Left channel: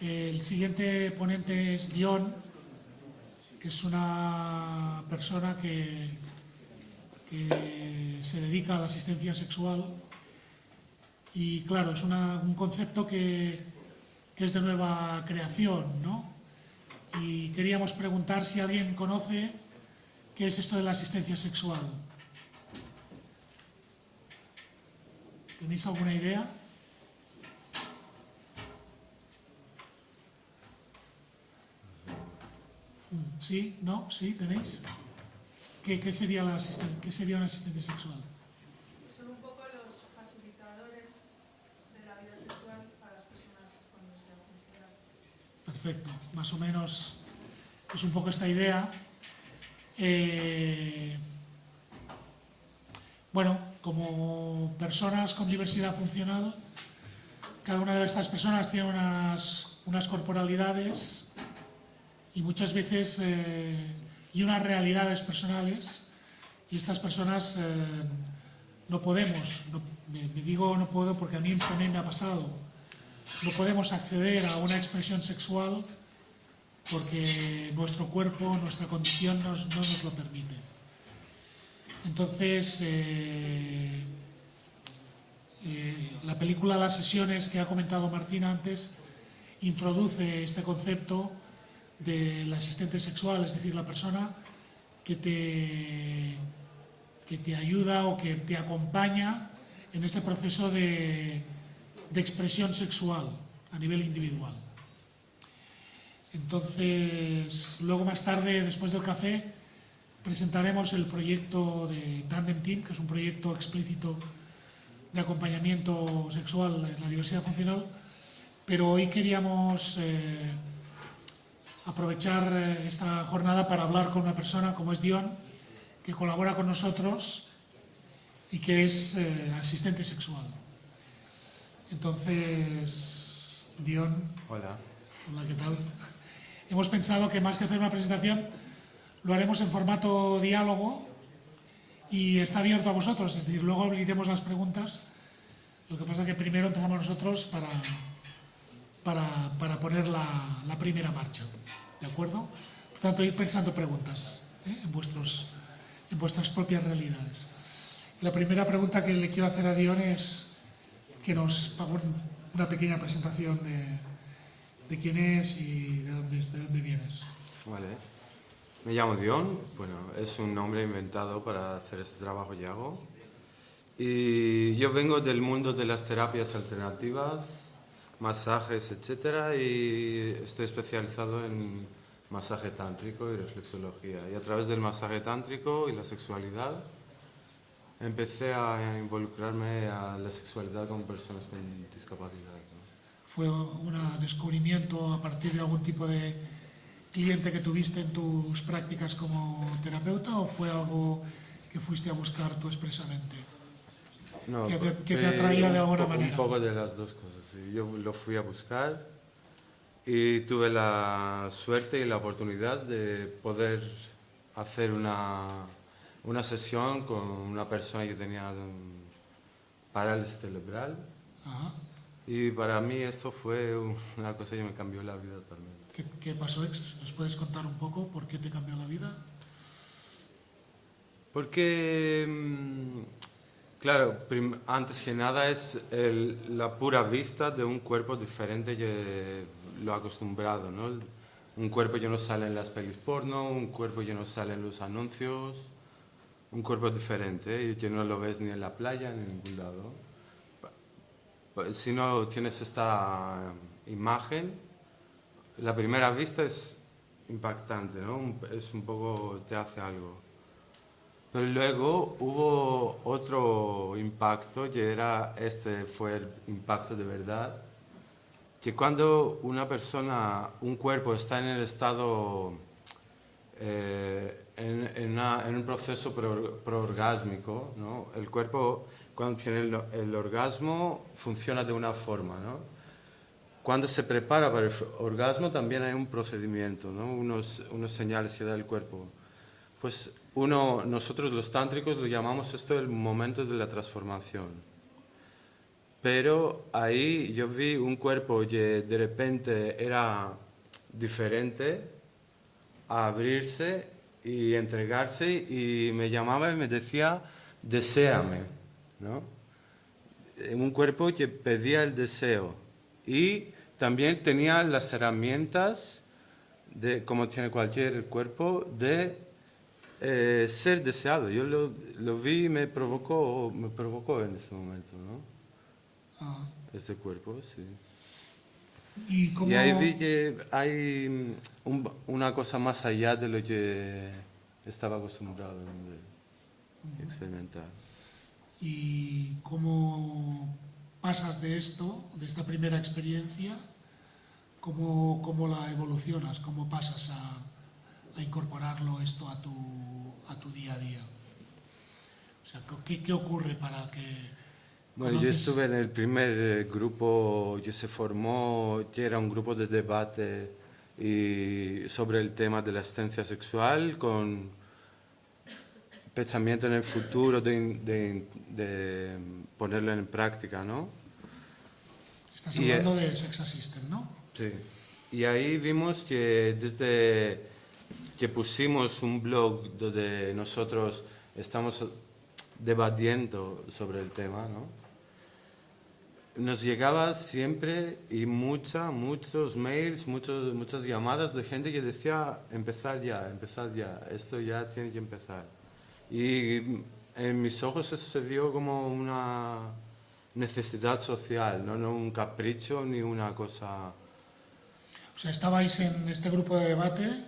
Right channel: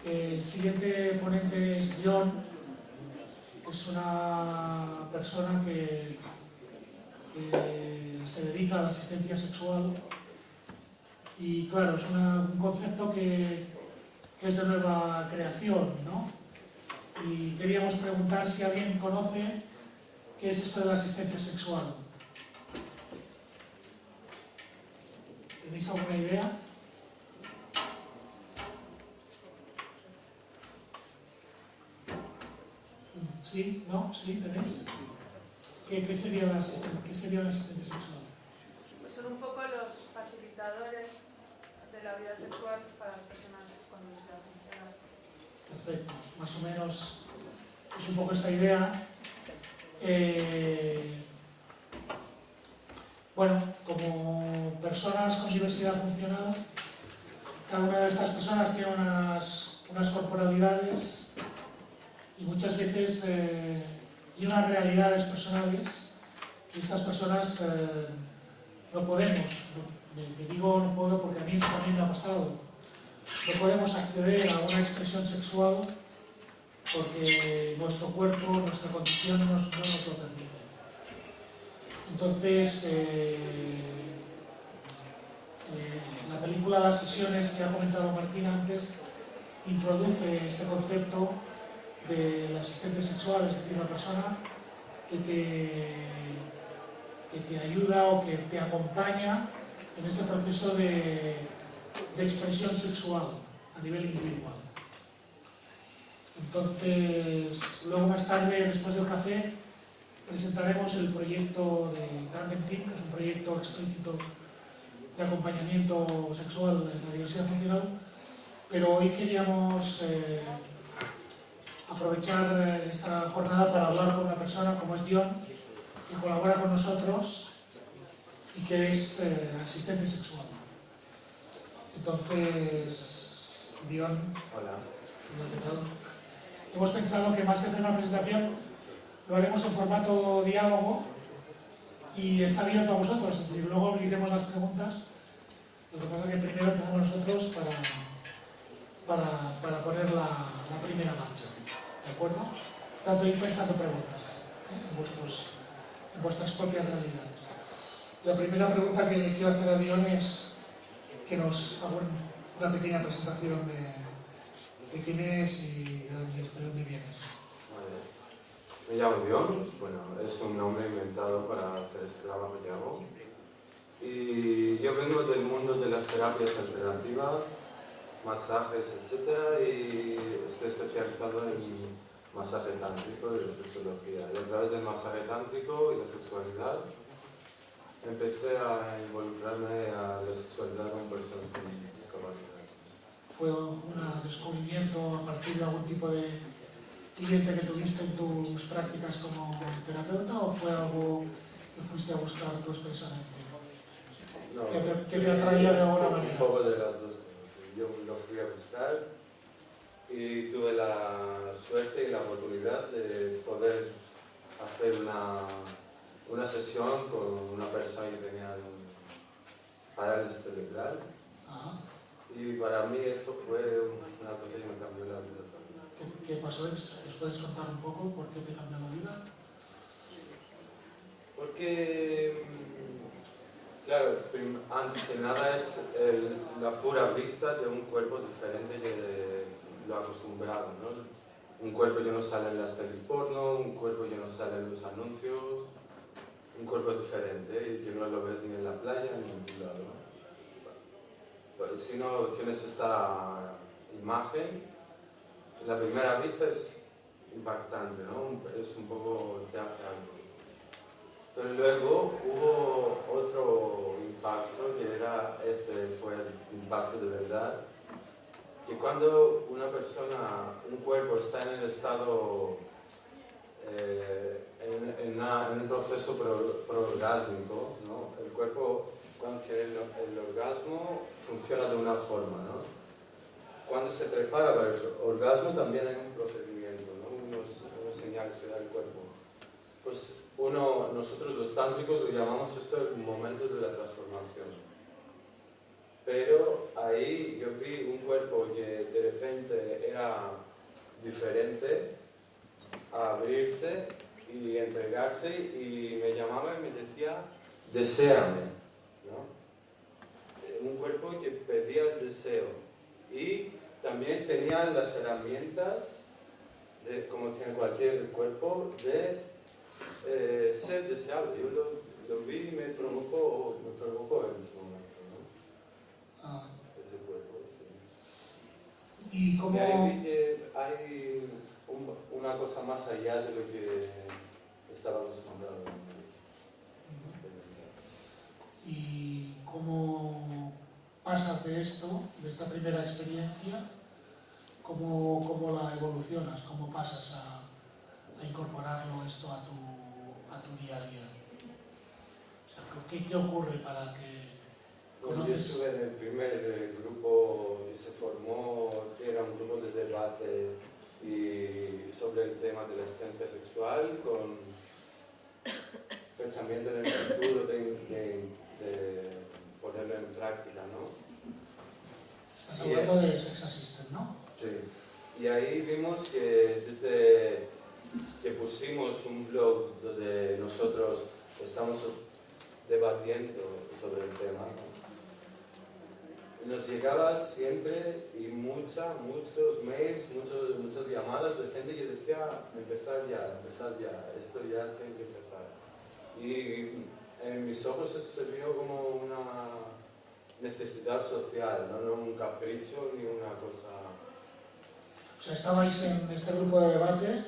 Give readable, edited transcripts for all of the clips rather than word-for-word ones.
El siguiente ponente es John, que es una persona que se dedica a la asistencia sexual y claro, es un concepto que es de nueva creación, ¿no? Y queríamos preguntar si alguien conoce qué es esto de la asistencia sexual. ¿Tenéis alguna idea? ¿Sí? ¿No? ¿Sí? ¿Tenéis? ¿Qué sería la asistencia sexual? Pues son un poco los facilitadores de la vida sexual para las personas con diversidad funcional. Perfecto, más o menos es un poco esta idea. Bueno, como personas con diversidad funcional, cada una de estas personas tiene unas corporalidades y muchas veces y unas realidades personales, y estas personas no podemos, me digo no puedo porque a mí también me ha pasado, no podemos acceder a una expresión sexual porque nuestro cuerpo, nuestra condición no nos lo permite. Entonces, la película Las sesiones que ha comentado Martín antes introduce este concepto del asistente sexual, es decir, la persona que te ayuda o que te acompaña en este proceso de expresión sexual a nivel individual. Entonces, luego más tarde, después del café, presentaremos el proyecto de Tandem Team, que es un proyecto explícito de acompañamiento sexual en la diversidad funcional, pero hoy queríamos aprovechar esta jornada para hablar con una persona como es Dion, que colabora con nosotros y que es asistente sexual. Entonces, Dion, hola. ¿qué tal? Hemos pensado que más que hacer una presentación lo haremos en formato diálogo y está abierto a vosotros, es decir, luego abriremos las preguntas. Lo que pasa es que primero empezamos nosotros para poner la primera marcha, ¿de acuerdo? Por tanto, ir pensando preguntas en vuestras propias realidades. La primera pregunta que le quiero hacer a Dion es que nos haga una pequeña presentación de quién es y de dónde vienes. Vale. Me llamo Dion, bueno, es un nombre inventado para hacer este trabajo que hago. Y yo vengo del mundo de las terapias alternativas, masajes, etc. Y estoy especializado en masaje tántrico y reflexología. Y a través del masaje tántrico y la sexualidad empecé a involucrarme a la sexualidad con personas con discapacidad. ¿Fue un descubrimiento a partir de algún tipo de cliente que tuviste en tus prácticas como terapeuta o fue algo que fuiste a buscar tú expresamente? No, ¿Qué te atraía de alguna manera? Un poco de las dos cosas. Yo lo fui a buscar y tuve la suerte y la oportunidad de poder hacer una sesión con una persona que tenía parálisis cerebral. Ajá. Y para mí esto fue una cosa que me cambió la vida también. ¿Qué pasó? ¿Les puedes contar un poco por qué te cambió la vida? Porque, claro, antes que nada es la pura vista de un cuerpo diferente que lo acostumbrado, ¿no? Un cuerpo que no sale en las pelis porno, un cuerpo que no sale en los anuncios, un cuerpo diferente y que no lo ves ni en la playa ni en ningún lado. Si no tienes esta imagen, la primera vista es impactante, ¿no? Es un poco, te hace algo. Pero luego hubo otro impacto que fue el impacto de verdad, que cuando una persona, un cuerpo está en el estado, en un proceso proorgásmico, ¿no? El cuerpo cuando tiene el orgasmo funciona de una forma, ¿no? Cuando se prepara para el orgasmo también hay un procedimiento, ¿no? unos señales que da el cuerpo. Pues nosotros los tántricos lo llamamos esto el momento de la transformación. pero ahí yo vi un cuerpo que de repente era diferente, a abrirse y entregarse y me llamaba y me decía, deséame, ¿no? Un cuerpo que pedía el deseo y también tenía las herramientas, como tiene cualquier cuerpo, de ser deseado. Yo lo vi y me provocó en ese momento, ¿no? Ah, Este cuerpo, sí. ¿y cómo, Y ahí vi que hay una cosa más allá de lo que estaba acostumbrado a experimentar. y cómo pasas de esto, de esta primera experiencia, cómo la evolucionas, cómo pasas a incorporarlo esto a tu día a día? O sea, ¿qué ocurre para que Bueno, yo conoces- estuve en el primer grupo que se formó, que era un grupo de debate sobre el tema de la asistencia sexual, con pensamiento en el futuro de ponerlo en práctica, ¿no? Estás Y, hablando de Sex Assistant, ¿no? sí. Y ahí vimos que desde que pusimos un blog donde nosotros estamos debatiendo sobre el tema, ¿no? Nos llegaba siempre y muchos mails, muchas llamadas de gente que decía empezar ya, esto ya tiene que empezar. Y en mis ojos eso se vio como una necesidad social, no un capricho ni una cosa... O sea, estabais en este grupo de debate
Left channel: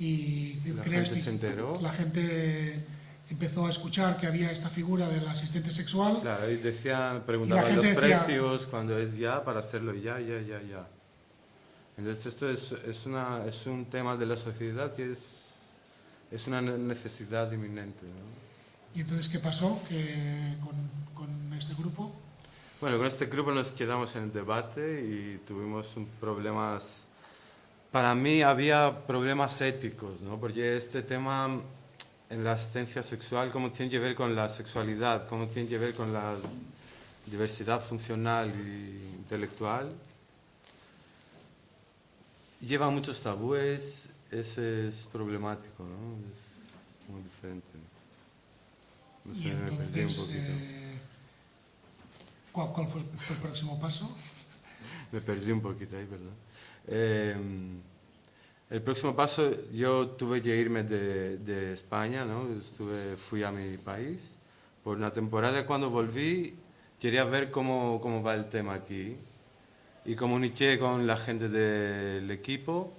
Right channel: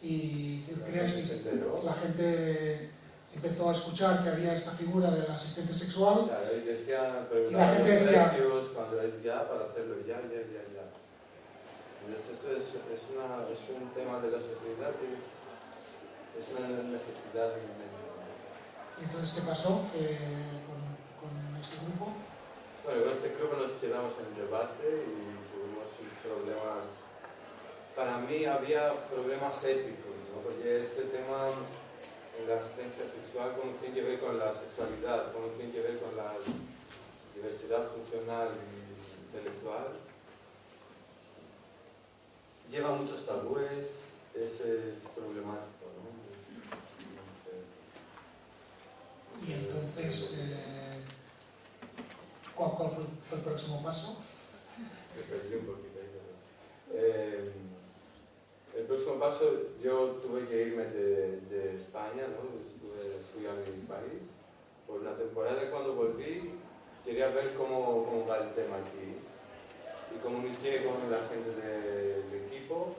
y La creasteis- gente se enteró. la gente empezó a escuchar que había esta figura del asistente sexual. Claro, y decía, Y preguntaba la los gente decía- precios cuando es ya, para hacerlo ya. Entonces esto es un tema de la sociedad que es una necesidad inminente, ¿no? ¿Y entonces qué pasó con este grupo? Bueno, con este grupo nos quedamos en el debate y tuvimos problemas. Para mí había problemas éticos, ¿no? Porque este tema en la asistencia sexual, cómo tiene que ver con la sexualidad, cómo tiene que ver con la diversidad funcional e intelectual, lleva muchos tabúes, es problemático, ¿no? Es muy diferente. No Y sé, me perdí un entonces, poquito. ¿cuál fue el próximo paso? Me perdí un poquito ahí, perdón. El próximo paso, yo tuve que irme de España, ¿no? Fui a mi país por una temporada y cuando volví quería ver cómo va el tema aquí. Y comuniqué con la gente del equipo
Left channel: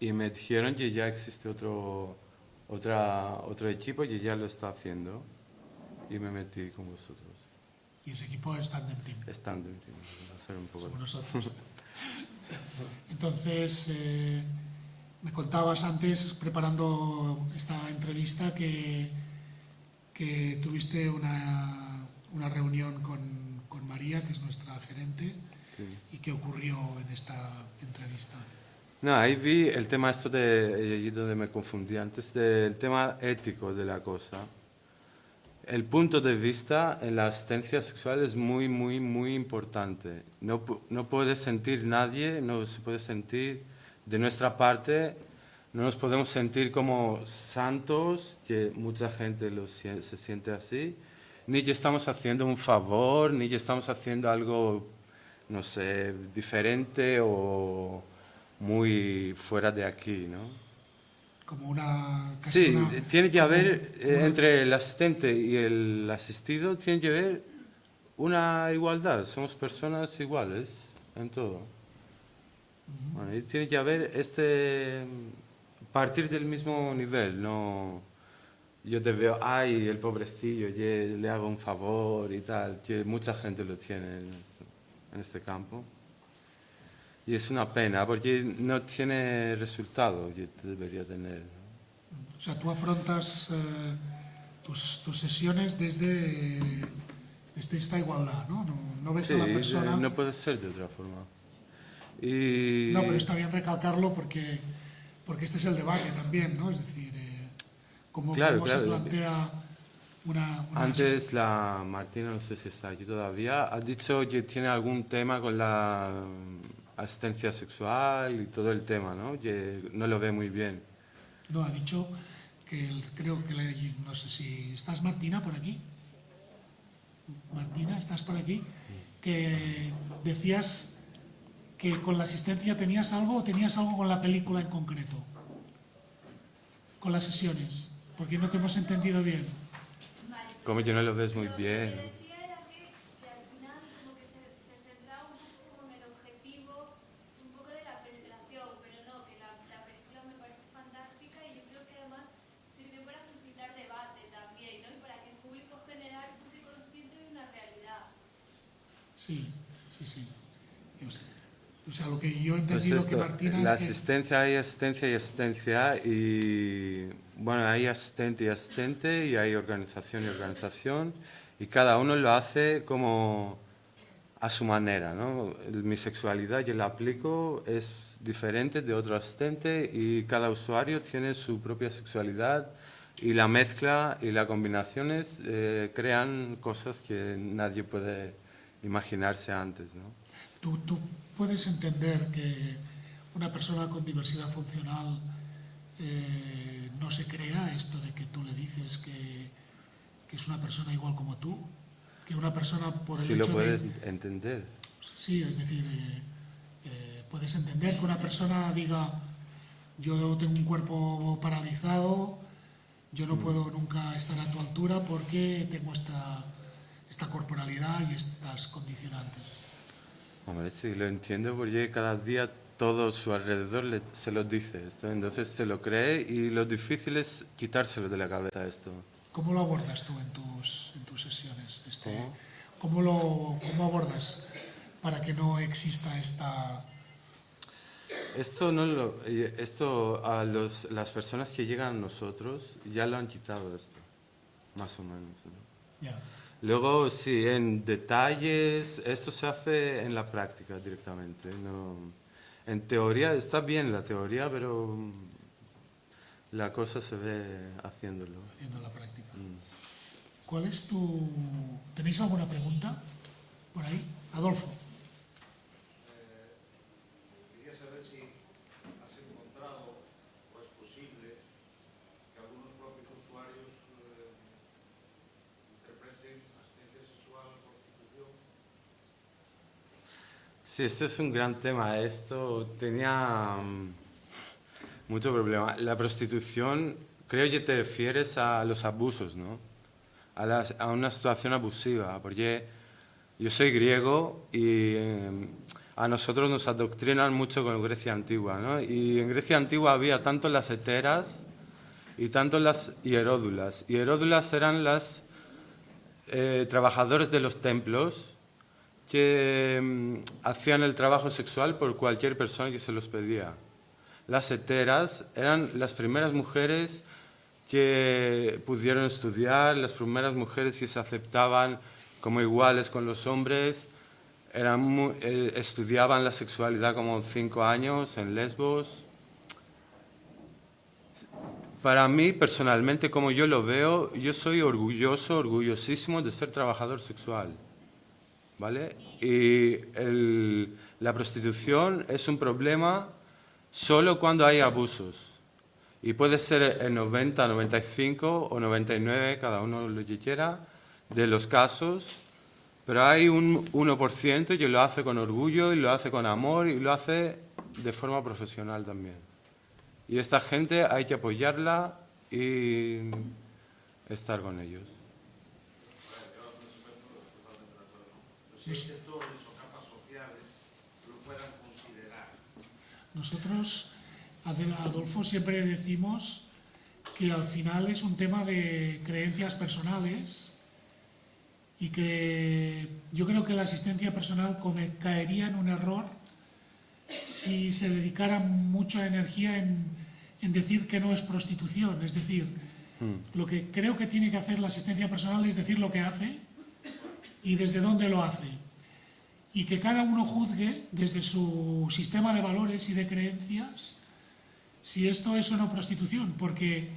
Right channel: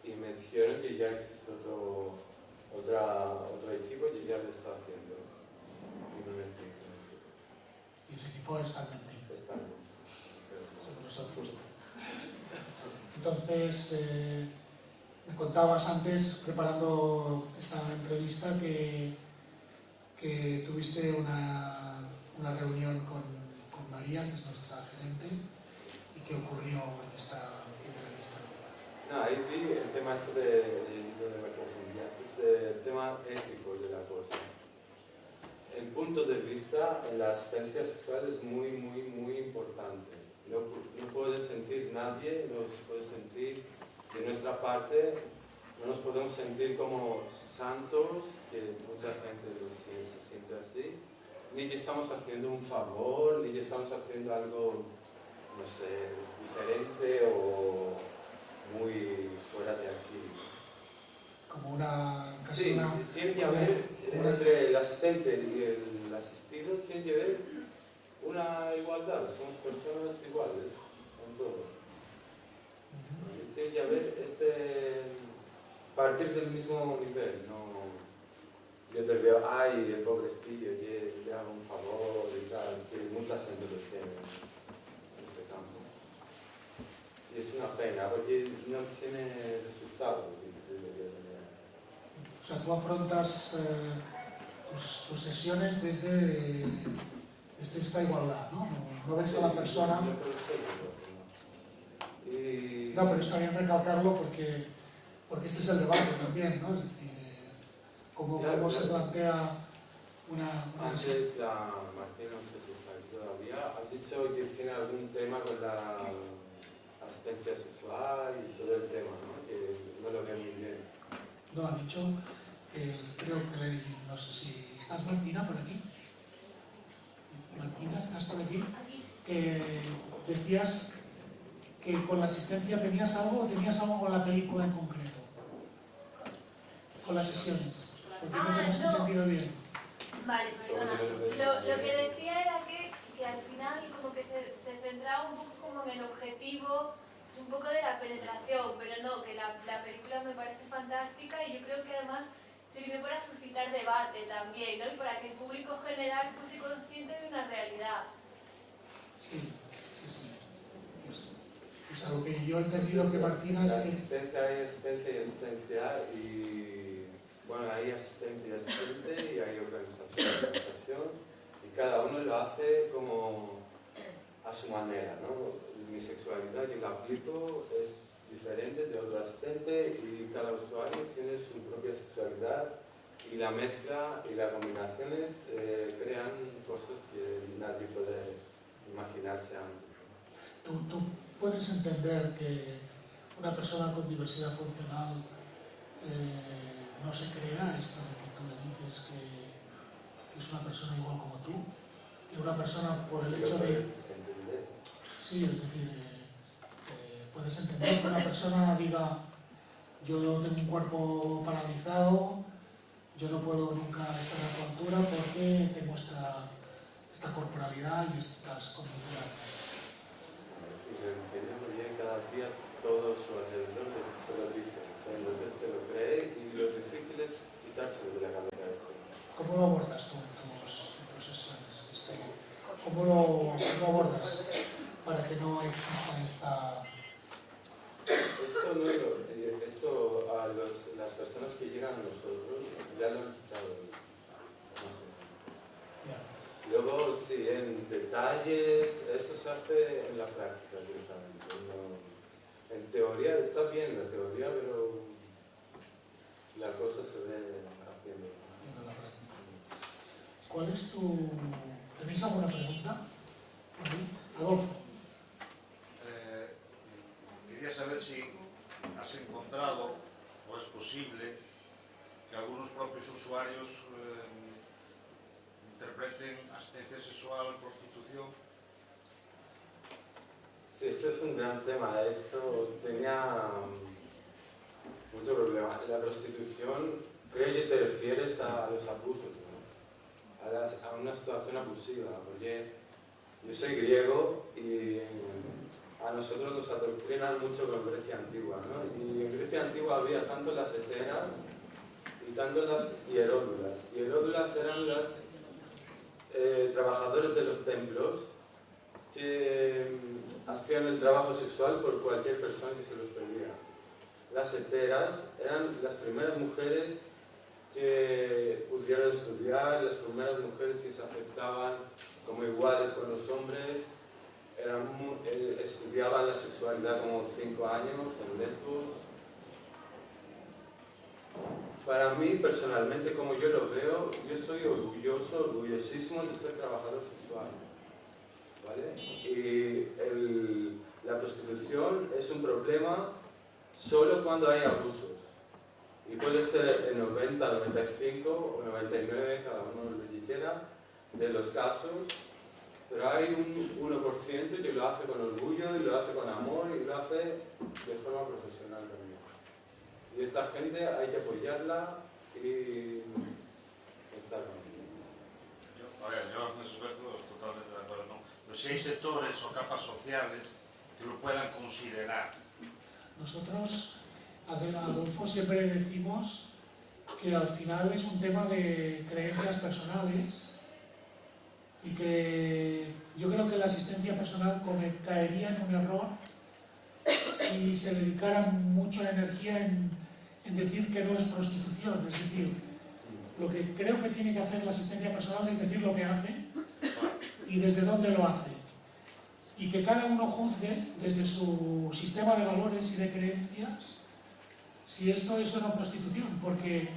y me dijeron que ya existe otro equipo que ya lo está haciendo y me metí con nosotros. Y ese equipo es Tandem Team, Están dentro, a hacer un poco somos nosotros. Entonces, me contabas antes, preparando esta entrevista, que tuviste una reunión con María, que es nuestra gerente, Sí. y qué ocurrió en esta entrevista. No, ahí vi el tema esto y donde me confundí antes, del tema ético de la cosa. El punto de vista en la asistencia sexual es muy importante. No puede sentir nadie, no se puede sentir de nuestra parte, no nos podemos sentir como santos, que mucha gente se siente así, ni que estamos haciendo un favor, ni que estamos haciendo algo, no sé, diferente o muy fuera de aquí, ¿no? Como casi Sí, una- tiene que haber, una- entre el asistente y el asistido, tiene que haber una igualdad, somos personas iguales en todo. Bueno, y tiene que haber partir del mismo nivel, no yo te veo, ay, el pobrecillo, yo le hago un favor y tal, que mucha gente lo tiene en este campo. Y es una pena porque no tiene resultado que debería tener. O sea, tú afrontas tus sesiones desde esta igualdad, ¿no? No ves Sí, a la persona... no puede ser de otra forma. Y No, pero está bien recalcarlo porque este es el debate también, ¿no? Es decir, cómo Claro, se claro. plantea Antes la Martina, no sé si está aquí todavía, ha dicho que tiene algún tema con la asistencia sexual y todo el tema, ¿no? Que no lo ve muy bien. No, ha dicho que creo que no sé si estás, Martina, por aquí. Martina, ¿estás por aquí? Que decías que con la asistencia tenías algo con la película en concreto, con las sesiones, porque no te hemos entendido bien. Vale, Como que no lo ves muy bien. Lo que decía era que al final como que se centraba un poco como en el objetivo, un poco de la penetración, pero no, que la película me parece fantástica y yo creo que además sirvió para suscitar debate también, ¿no? Y para que el público general fuese consciente de una realidad. Sí. Pues a lo que yo he entendido que Martina la es que... asistencia hay asistencia y asistencia y bueno, hay asistente y asistente y hay organización y organización y cada uno lo hace como a su manera, ¿no? Mi sexualidad yo la aplico es diferente de otro asistente y cada usuario tiene su propia sexualidad y la mezcla y las combinaciones crean cosas que nadie puede imaginarse antes, ¿no? ¿Tú puedes entender que una persona con diversidad funcional no se crea esto de que tú le dices que es una persona igual como tú? Que una persona por el Sí, hecho lo puedes entender. Sí, es decir, puedes entender que una persona diga yo tengo un cuerpo paralizado, yo no puedo nunca estar a tu altura porque tengo esta corporalidad y estas condicionantes. Hombre, sí, lo entiendo porque cada día todo su alrededor se lo dice esto, entonces se lo cree y lo difícil es quitárselo de la cabeza esto. ¿Cómo lo abordas tú en tus sesiones? ¿Cómo lo abordas para que no exista esta... Esto a las personas que llegan a nosotros ya lo han quitado esto, más o menos, ¿no? Ya. Luego, sí, en detalles, esto se hace en la práctica directamente. ¿No? En teoría, está bien la teoría, pero la cosa se ve haciéndolo. Haciendo la práctica. ¿Cuál es tu... ¿Tenéis alguna pregunta por ahí? Adolfo. Quería saber si has encontrado, o es posible, que algunos propios usuarios interpreten asistencia sexual en prostitución. Sí, esto es un gran tema. Esto tenía mucho problema. La prostitución, creo que te refieres a los abusos, ¿no? A una situación abusiva, porque yo soy griego y a nosotros nos adoctrinan mucho con Grecia antigua, ¿no? Y en Grecia antigua había tanto las heteras y tanto las hieródulas. Hieródulas eran las trabajadores de los templos que hacían el trabajo sexual por cualquier persona que se los pedía. Las heteras eran las primeras mujeres que pudieron estudiar, las primeras mujeres que se aceptaban como iguales con los hombres, estudiaban la sexualidad como 5 años en Lesbos. Para mí, personalmente, como yo lo veo, yo soy orgullosísimo de ser trabajador sexual, ¿vale? Y la prostitución es un problema solo cuando hay abusos. Y puede ser el 90, 95 o 99, cada uno lo que quiera, de los casos, pero hay un 1% que lo hace con orgullo y lo hace con amor y lo hace de forma profesional también. Y esta gente hay que apoyarla y estar con ellos. Yo en ese aspecto totalmente de acuerdo, ¿no? Pero si hay sectores o capas sociales que lo puedan considerar. Nosotros, Adolfo, siempre decimos que al final es un tema de creencias personales y que yo creo que la asistencia personal caería en un error si se dedicara mucha energía en decir que no es prostitución. Es decir, lo que creo que tiene que hacer la asistencia personal es decir lo que hace y desde dónde lo hace. Y que cada uno juzgue desde su sistema de valores y de creencias si esto es o no prostitución, porque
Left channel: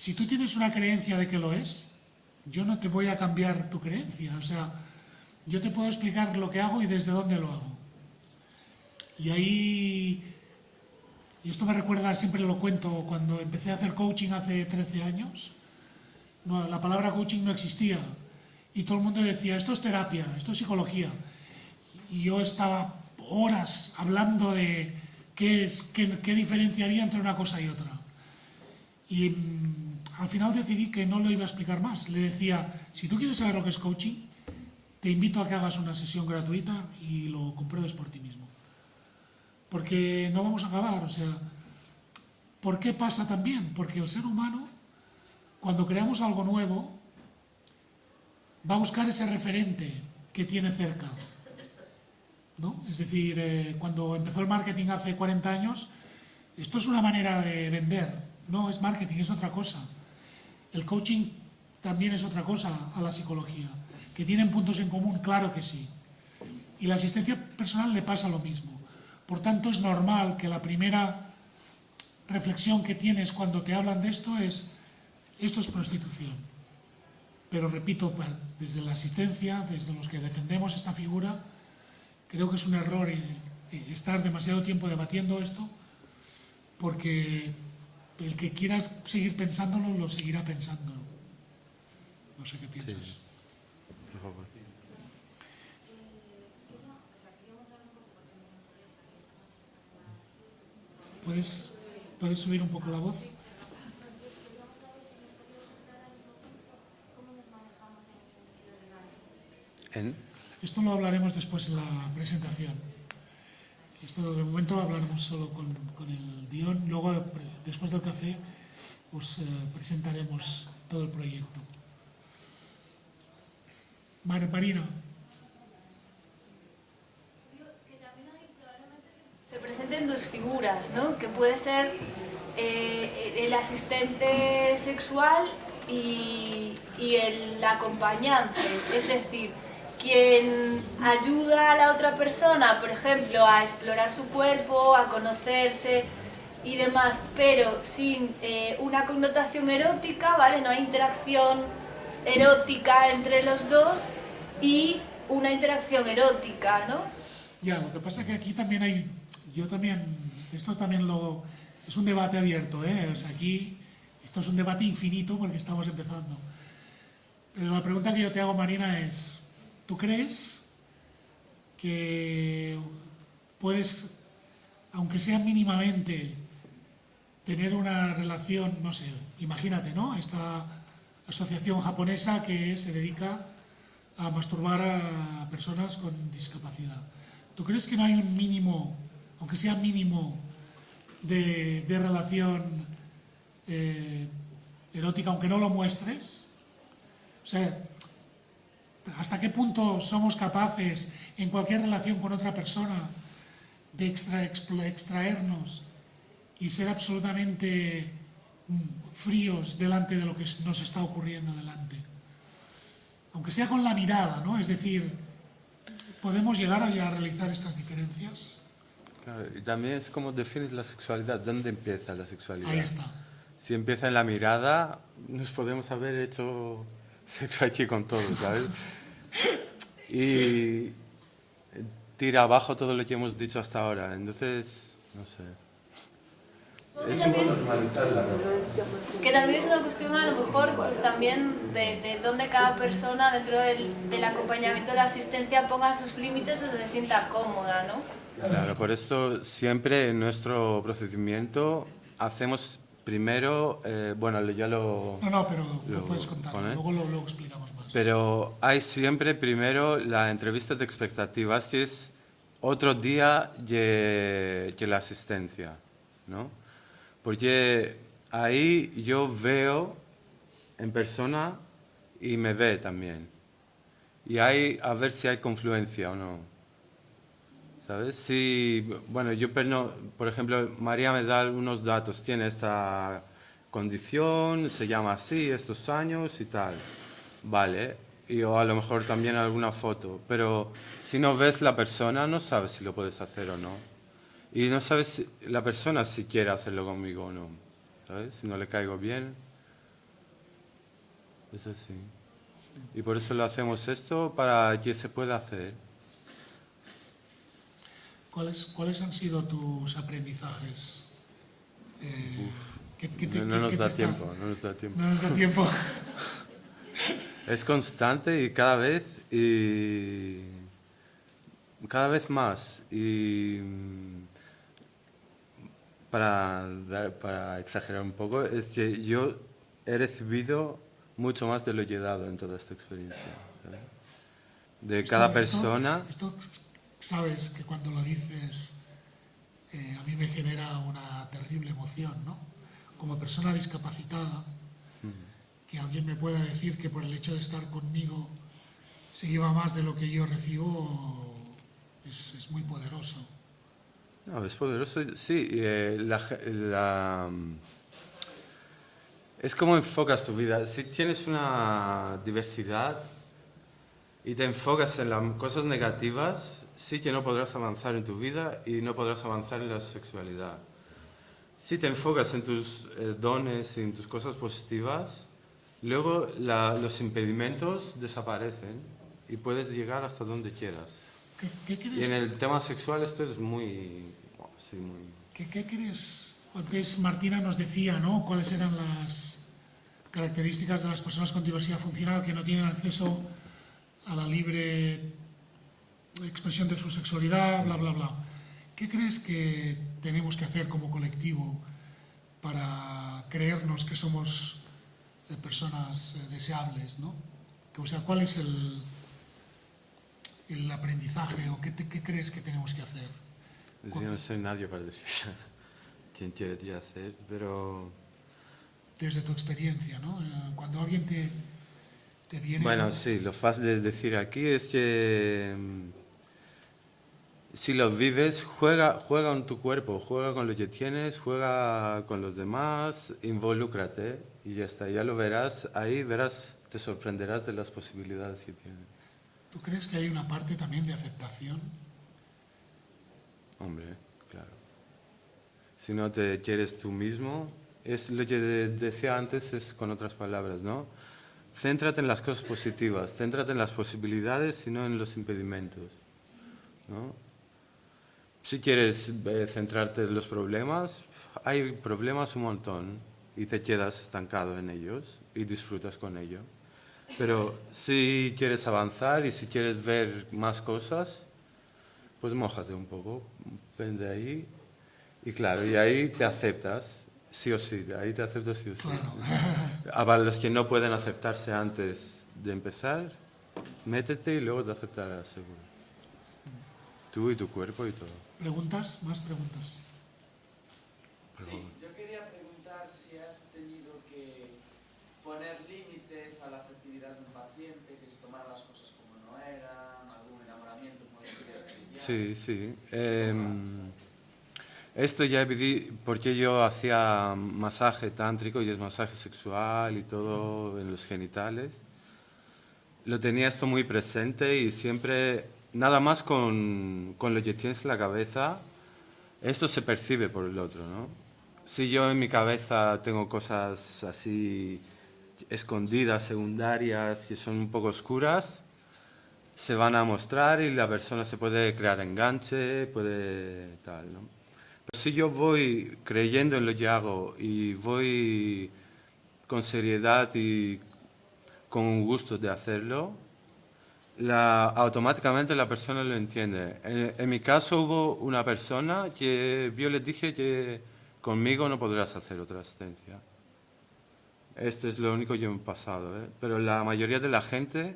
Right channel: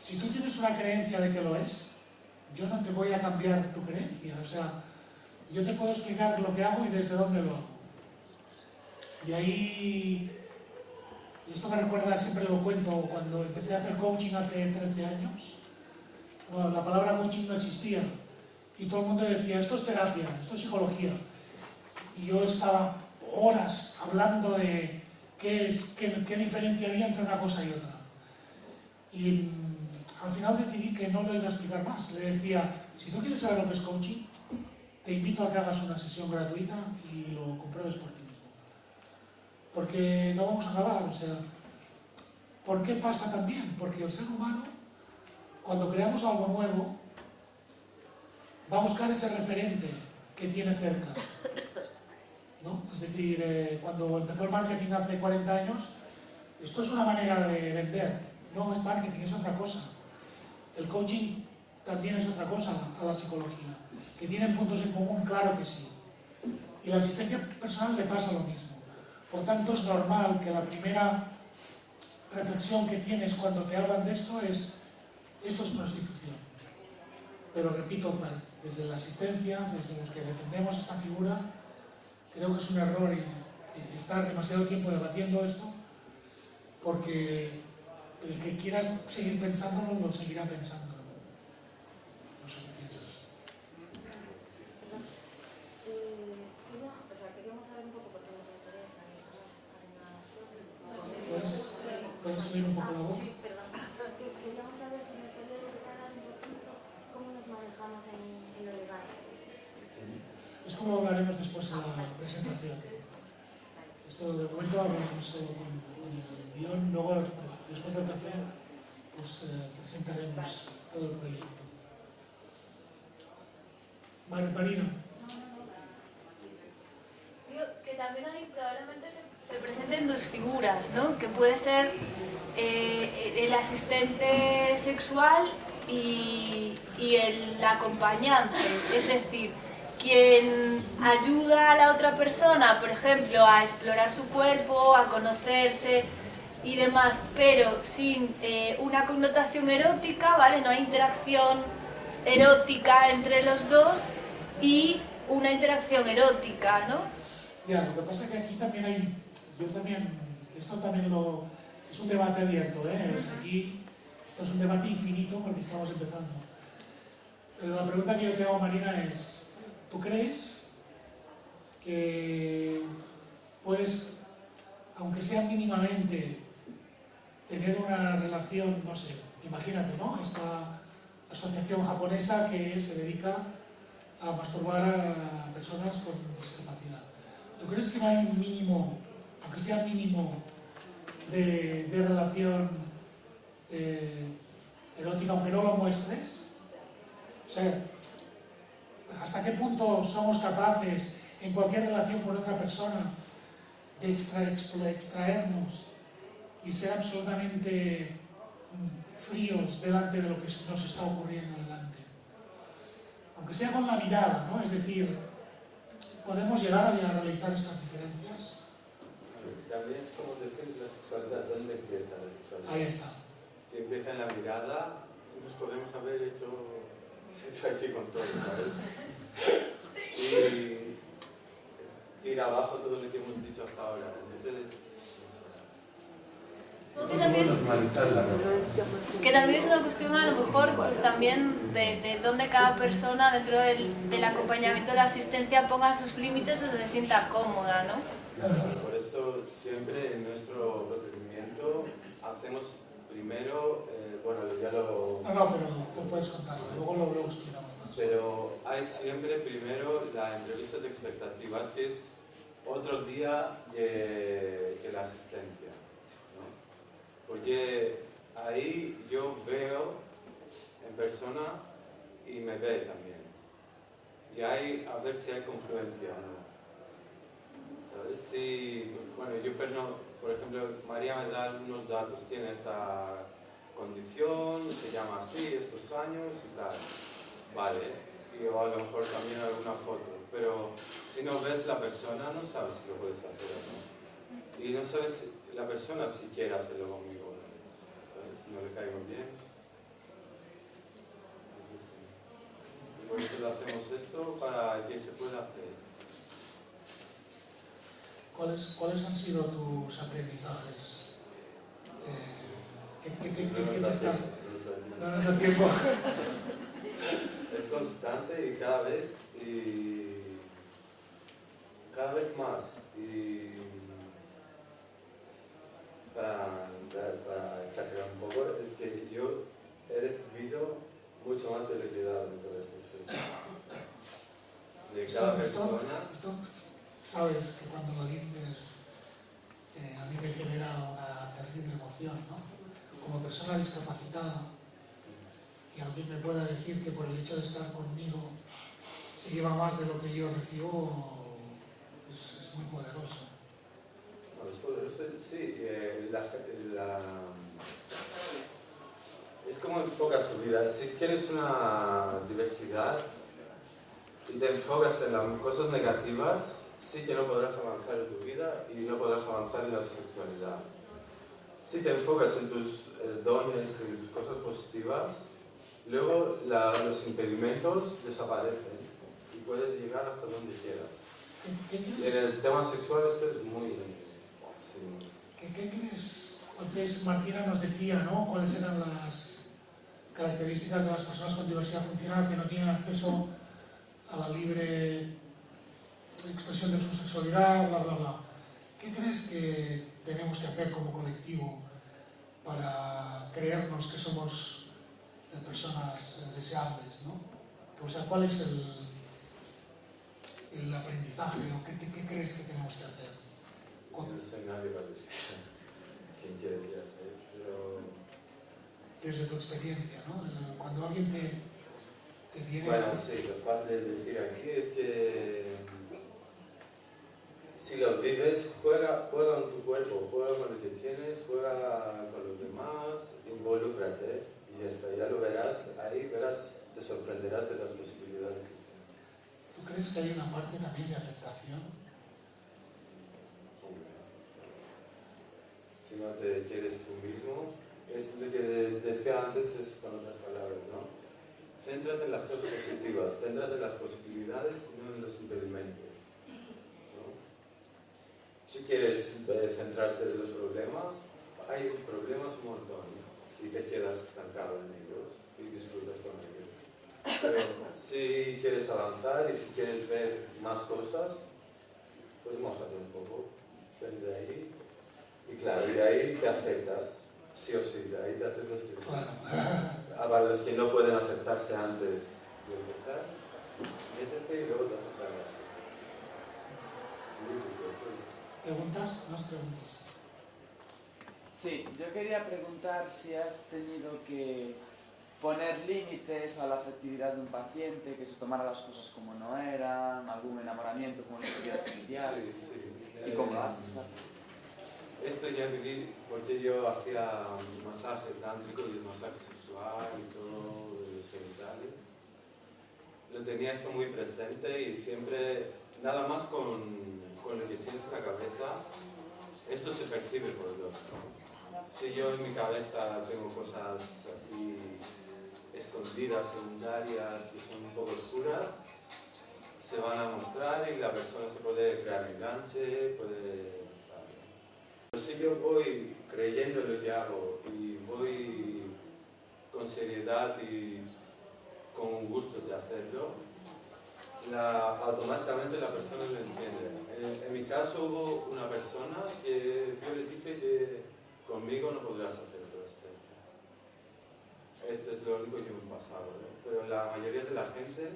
si tú tienes una creencia de que lo es, yo no te voy a cambiar tu creencia. O sea, yo te puedo explicar lo que hago y desde dónde lo hago. Y ahí, y esto me recuerda, siempre lo cuento, cuando empecé a hacer coaching hace 13 años, la palabra coaching no existía. Y todo el mundo decía, esto es terapia, esto es psicología. Y yo estaba horas hablando de qué diferenciaría entre una cosa y otra. Y al final decidí que no lo iba a explicar más. Le decía, si tú quieres saber lo que es coaching, te invito a que hagas una sesión gratuita y lo compruebes por ti mismo. Porque no vamos a acabar, o sea, ¿por qué pasa también? Porque el ser humano, cuando creamos algo nuevo, va a buscar ese referente que tiene cerca, ¿no? Es decir, cuando empezó el marketing hace 40 años, esto es una manera de vender, no es marketing, es otra cosa. El coaching también es otra cosa a la psicología. ¿Que tienen puntos en común? Claro que sí. Y la asistencia personal le pasa lo mismo. Por tanto, es normal que la primera reflexión que tienes cuando te hablan de esto es prostitución. Pero repito, desde la asistencia, desde los que defendemos esta figura, creo que es un error estar demasiado tiempo debatiendo esto, porque el que quiera seguir pensándolo, lo seguirá pensando. No sé qué piensas. ¿Puedes subir un poco la voz? Queríamos saber si nos podías explicar un poquito cómo nos manejamos en lo legal. Esto lo hablaremos después en la presentación. Esto de momento hablaremos solo con el guión, luego después del café os presentaremos todo el proyecto. Marina. Que también ahí probablemente se presenten dos figuras, ¿no? Que puede ser el asistente sexual y el acompañante, es decir, quien ayuda a la otra persona, por ejemplo, a explorar su cuerpo, a conocerse y demás, pero sin una connotación erótica, ¿vale? No hay interacción erótica entre los dos y una interacción erótica, ¿no? Ya, lo que pasa es que aquí también hay, esto también es un debate abierto, ¿eh? O sea, aquí, esto es un debate infinito porque estamos empezando. Pero la pregunta que yo te hago, Marina, es, ¿tú crees que puedes, aunque sea mínimamente, tener una relación, no sé, imagínate, ¿no? Esta asociación japonesa que se dedica a masturbar a personas con discapacidad. ¿Tú crees que no hay un mínimo, aunque sea mínimo, de relación erótica, aunque no lo muestres? O sea, ¿hasta qué punto somos capaces, en cualquier relación con otra persona, de extraernos y ser absolutamente fríos delante de lo que nos está ocurriendo delante? Aunque sea con la mirada, ¿no? Es decir, ¿podemos llegar a realizar estas diferencias? Claro, y también es como defines la sexualidad, ¿dónde empieza la sexualidad? Ahí está. Si empieza en la mirada, nos podemos haber hecho sexo aquí con todo, ¿sabes? Y tira abajo todo lo que hemos dicho hasta ahora, entonces, no sé. Que también es una cuestión a lo mejor pues también de dónde cada persona dentro del acompañamiento de la asistencia ponga sus límites o se sienta cómoda, ¿no? Claro, por eso siempre en nuestro procedimiento hacemos primero, bueno, ya lo... No, pero lo puedes contar, luego lo explicamos más. Pero hay siempre primero la entrevista de expectativas, que es otro día que la asistencia, ¿no? Porque ahí yo veo en persona y me ve también. Y ahí a ver si hay confluencia o no. ¿Sabes? Si, bueno, yo, por ejemplo, María me da unos datos, tiene esta condición, se llama así, estos años y tal. Vale, y o a lo mejor también alguna foto. Pero si no ves la persona, no sabes si lo puedes hacer o no. Y no sabes la persona si quiere hacerlo conmigo o no, ¿sabes? Si no le caigo bien. es así. Y por eso lo hacemos esto, para que se pueda hacer. ¿Cuáles han sido tus aprendizajes? No nos da tiempo, no nos da tiempo. No nos da tiempo. Es constante y cada vez más. Y para exagerar un poco, es que yo he recibido mucho más de lo que he dado en toda esta experiencia, ¿verdad? De cada persona. Esto, sabes que cuando lo dices, a mí me genera una terrible emoción, ¿no? Como persona discapacitada, que alguien me pueda decir que por el hecho de estar conmigo se lleva más de lo que yo recibo, es muy poderoso. No, es poderoso, sí. Es como enfocas tu vida. Si tienes una diversidad y te enfocas en las cosas negativas, sí que no podrás avanzar en tu vida y no podrás avanzar en la sexualidad. Si te enfocas en tus dones y en tus cosas positivas, luego los impedimentos desaparecen y puedes llegar hasta donde quieras. ¿Qué crees? Y en el tema sexual esto es muy... sí. ¿Qué crees? Antes Martina nos decía, ¿no? Cuáles eran las características de las personas con diversidad funcional que no tienen acceso a la libre expresión de su sexualidad, bla, bla, bla. ¿Qué crees que tenemos que hacer como colectivo para creernos que somos personas deseables, ¿no? O sea, ¿cuál es el aprendizaje o qué crees que tenemos que hacer? Yo no soy nadie para decir quién quería ser, pero... Desde tu experiencia, ¿no? Cuando alguien te viene... Bueno, sí, lo fácil de decir aquí es que si lo vives, juega con tu cuerpo, juega con lo que tienes, juega con los demás, involúcrate y ya está, ya lo verás, ahí verás, te sorprenderás de las posibilidades que tienes. ¿Tú crees que hay una parte también de aceptación? Hombre, claro. Si no te quieres tú mismo, es lo que decía antes, es con otras palabras, ¿no? Céntrate en las cosas positivas, céntrate en las posibilidades y no en los impedimentos, ¿no? Si quieres centrarte en los problemas, hay problemas un montón y te quedas estancado en ellos y disfrutas con ello. Pero si quieres avanzar y si quieres ver más cosas, pues mójate un poco, ven de ahí y claro, y ahí te aceptas, sí o sí, ahí te aceptas sí o sí. Claro. Para los que no pueden aceptarse antes de empezar, métete y luego te aceptarás. Tú y tu cuerpo y todo. ¿Preguntas? ¿Más preguntas? Sí, yo quería preguntar si has tenido que poner límites a la afectividad de un paciente, que se tomara las cosas como no eran, algún enamoramiento como lo querías iniciar. Sí, sí. ¿Y cómo lo haces? Esto ya viví porque yo hacía masaje tántrico y es masaje sexual y todo en los genitales. Lo tenía esto muy presente y siempre, nada más con lo que tienes en la cabeza, esto se percibe por el otro, ¿no? Si yo en mi cabeza tengo cosas así escondidas, secundarias, que son un poco oscuras, se van a mostrar y la persona se puede crear enganche, puede tal, ¿no? Pero si yo voy creyendo en lo que hago y voy con seriedad y con gusto de hacerlo, automáticamente la persona lo entiende. En mi caso hubo una persona que yo le dije que conmigo no podrás hacer otra asistencia. Esto es lo único que me ha pasado, ¿eh? Pero la mayoría de la gente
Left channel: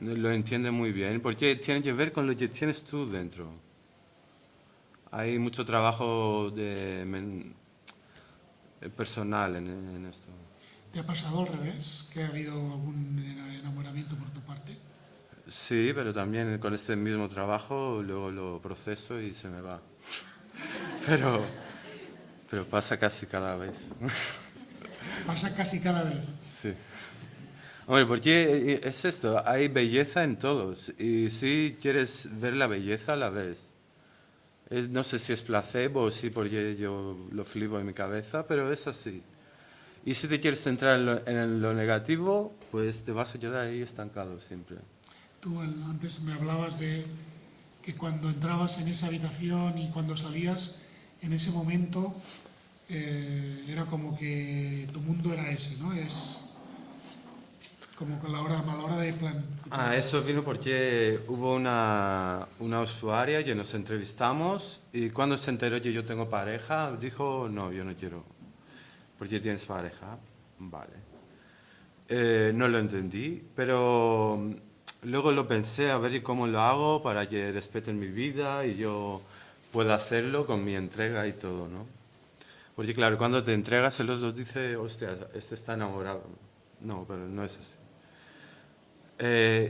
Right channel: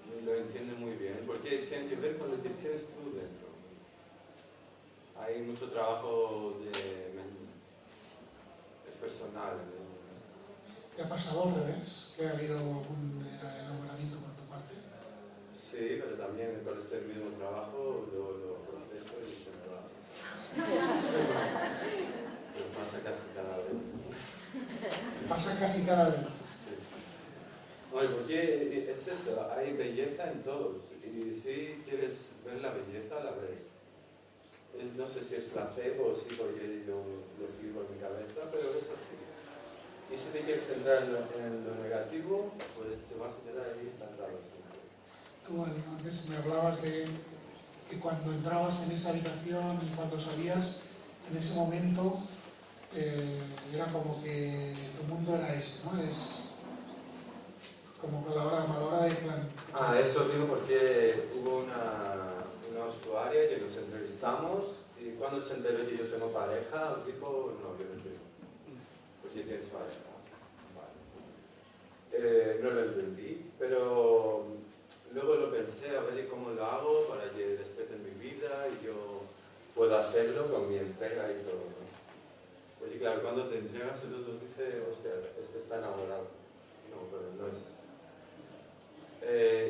lo entiende muy bien, porque tiene que ver con lo que tienes tú dentro. Hay mucho trabajo personal en esto. ¿Te ha pasado al revés? ¿Que ha habido algún enamoramiento por tu parte? Sí, pero también con este mismo trabajo luego lo proceso y se me va. Pero pasa casi cada vez. Pasa casi cada vez. Sí. Hombre, porque es esto, hay belleza en todos y si quieres ver la belleza, la ves. No sé si es placebo o sí, porque yo lo flipo en mi cabeza, pero es así. Y si te quieres centrar en lo negativo, pues te vas a quedar ahí estancado siempre. Tú antes me hablabas de que cuando entrabas en esa habitación y cuando salías, en ese momento era como que tu mundo era ese, ¿no? Es como que a la hora de plan. Eso vino porque hubo una usuaria que nos entrevistamos y cuando se enteró que yo tengo pareja, dijo, no, yo no quiero. ¿Por qué tienes pareja? Vale. No lo entendí, pero luego lo pensé a ver cómo lo hago para que respeten mi vida y yo pueda hacerlo con mi entrega y todo, ¿no? Porque claro, cuando te entregas el otro dice, hostia, este está enamorado. No, pero no es así.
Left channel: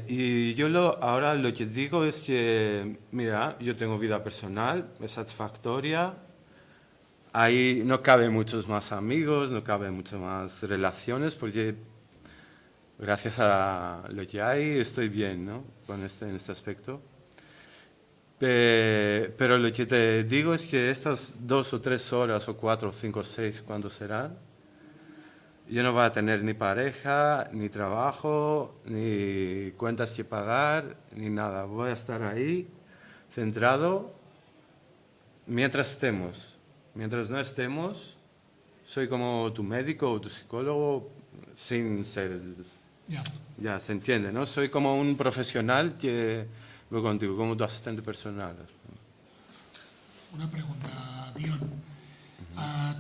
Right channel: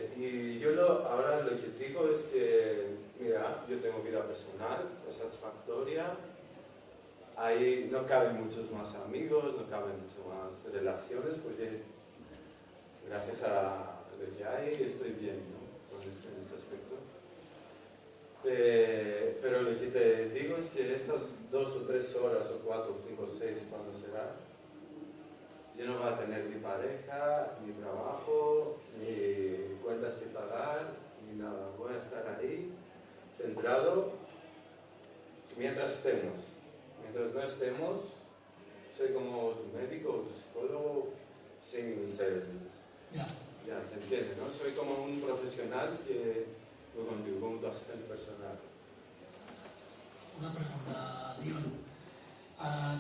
Y yo ahora lo que digo es que, mira, yo tengo vida personal, es satisfactoria, ahí no caben muchos más amigos, no caben muchas más relaciones, porque gracias a lo que hay estoy bien, ¿no? En este aspecto. Pero lo que te digo es que estas 2 o 3 horas, o 4 o 5 o 6, ¿cuándo serán? Yo no voy a tener ni pareja, ni trabajo, ni cuentas que pagar, ni nada. Voy a estar ahí, centrado, mientras estemos. Mientras no estemos, soy como tu médico o tu psicólogo sin ser... Ya, se entiende, ¿no? Soy como un profesional que voy contigo, como tu asistente personal. Una pregunta, Dion.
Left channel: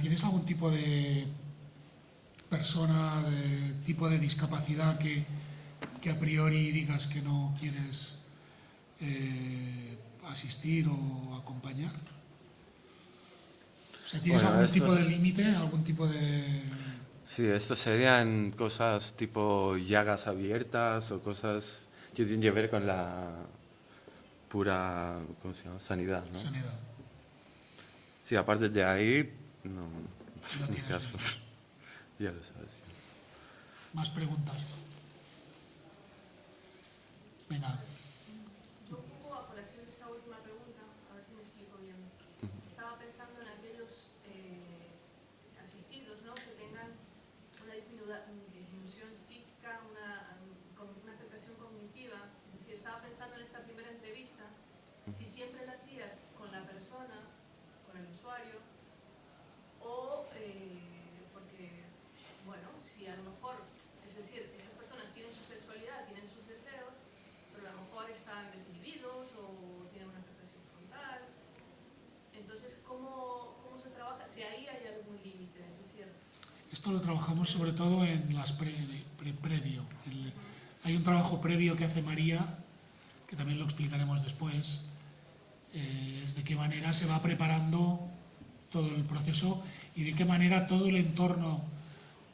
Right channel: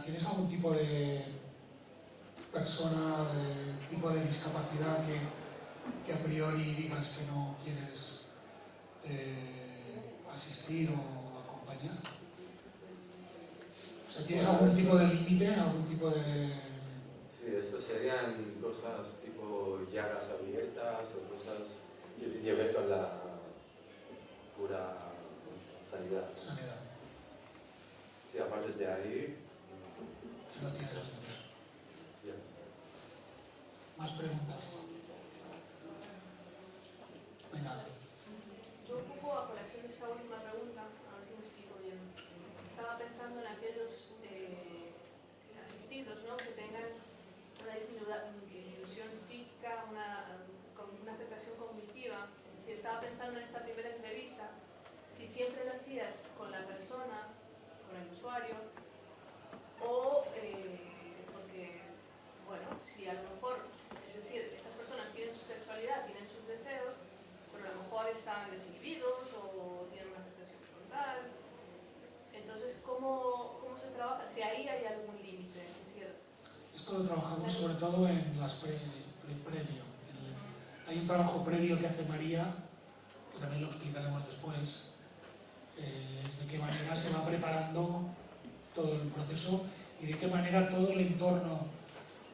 ¿Tienes algún tipo de persona, de tipo de discapacidad que a priori digas que no quieres asistir o acompañar? O sea, ¿tienes algún tipo de límite, algún tipo de...? Sí, esto serían cosas tipo llagas abiertas o cosas que tienen que ver con la pura, ¿cómo se llama? Sanidad, ¿no? Sanidad. Sí, aparte de ahí, no No tienes caso. límite. Ya lo sabes. ¿Más preguntas? Venga. Yo un poco a colación de esta última pregunta, a ver si me explico bien. Estaba pensando en aquellos asistidos, ¿no? Que tengan una disminución psíquica, una afectación cognitiva. Es decir, estaba pensando en esta primera entrevista, si siempre la hacías con la persona, con el usuario, o porque, bueno, si a lo mejor, es decir, estas personas tienen su sexualidad, tienen sus deseos, pero a lo mejor están desinhibidos o tienen una afectación frontal. Entonces, ¿cómo se trabaja? Si ahí hay algún límite, es decir... Esto lo trabajamos sobre todo en las previo. Hay un trabajo previo que hace María, que también lo explicaremos después, es de qué manera se va preparando todo el proceso y de qué manera todo el entorno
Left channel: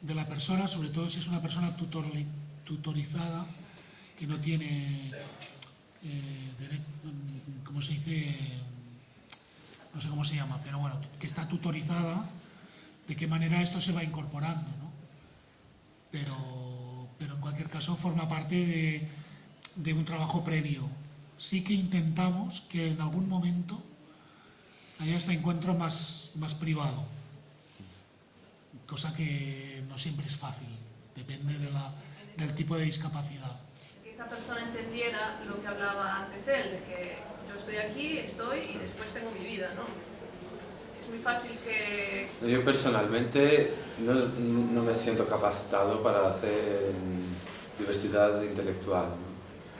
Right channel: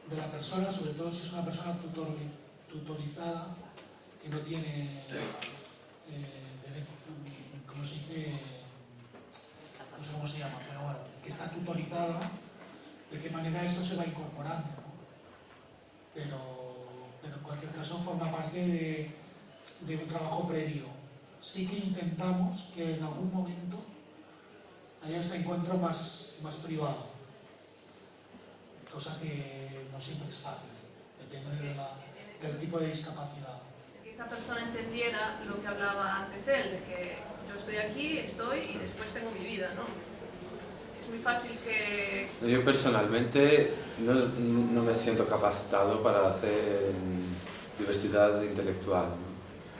de la persona, sobre todo si es una persona tutorizada, que no tiene, ¿cómo se dice? No sé cómo se llama, pero bueno, que está tutorizada, de qué manera esto se va incorporando, ¿no? Pero en cualquier caso forma parte de un trabajo previo. Sí que intentamos que en algún momento haya este encuentro más privado, cosa que no siempre es fácil, depende del tipo de discapacidad. Que esa persona entendiera lo que hablaba antes él, de que yo estoy aquí, estoy y después tengo mi vida, ¿no? Es muy fácil que... Yo personalmente no me siento capacitado para hacer diversidad intelectual, ¿no?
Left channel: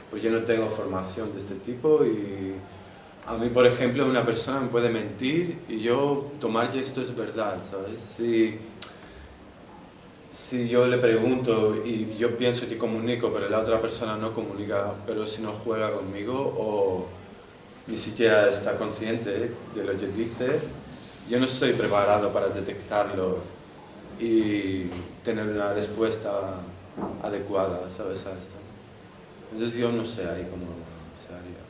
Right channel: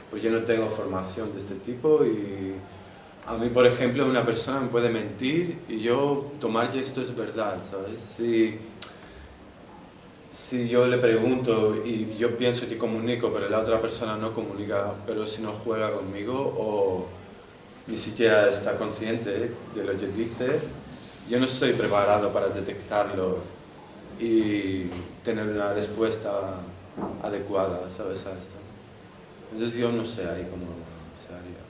Porque yo no tengo formación de este tipo y a mí, por ejemplo, una persona me puede mentir y yo tomar que esto es verdad, ¿sabes? Si yo le pregunto y yo pienso que comunico, pero la otra persona no comunica, pero si no juega conmigo o ni siquiera está consciente de lo que dice, yo no estoy preparado para detectarlo y tener una respuesta adecuada, ¿sabes? A esto. Entonces yo no sé ahí cómo se haría.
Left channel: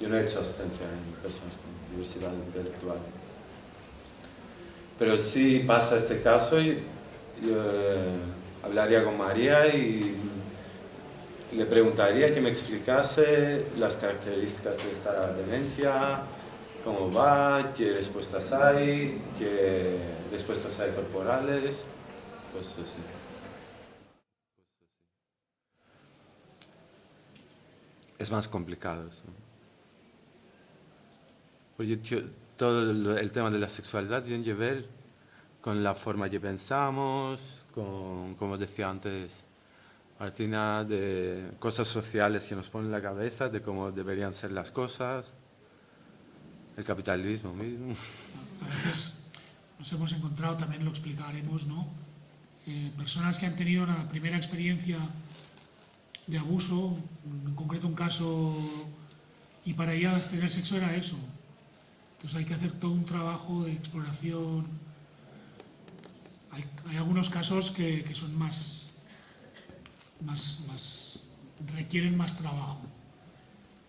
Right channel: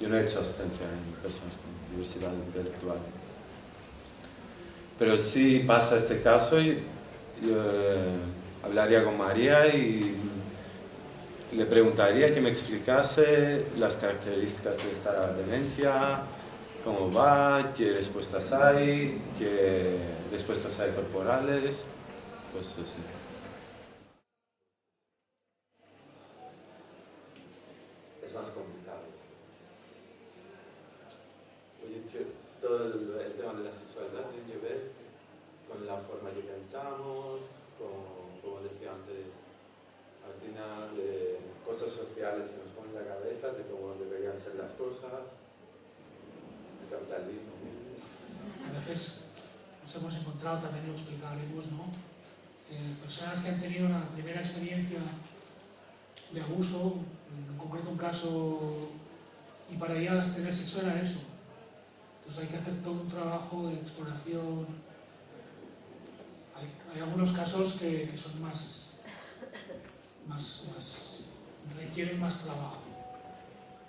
Yo no he hecho asistencia en personas con diversidad intelectual. Pero si pasa este caso, yo hablaría con María y le preguntaría que me explicase las características de esta demencia, cómo va, qué respuestas hay corporales, Pues eso sí. Es más complicado, sí. Porque todo el tema de la sexualidad tiene que ver con la forma que pensamos, con, como decía antes Martina, de cosas sociales que nos ponen en la cabeza, de cómo deberían ser las cosas, el capitalismo mismo. A veces nos hemos encontrado, también lo explicaremos, ¿no? Personas que han tenido una primera experiencia de abuso, en concreto un caso, y para ellas tener sexo era eso. Entonces hay que hacer todo un trabajo de exploración. Hay algunos casos que son requieren más trabajo.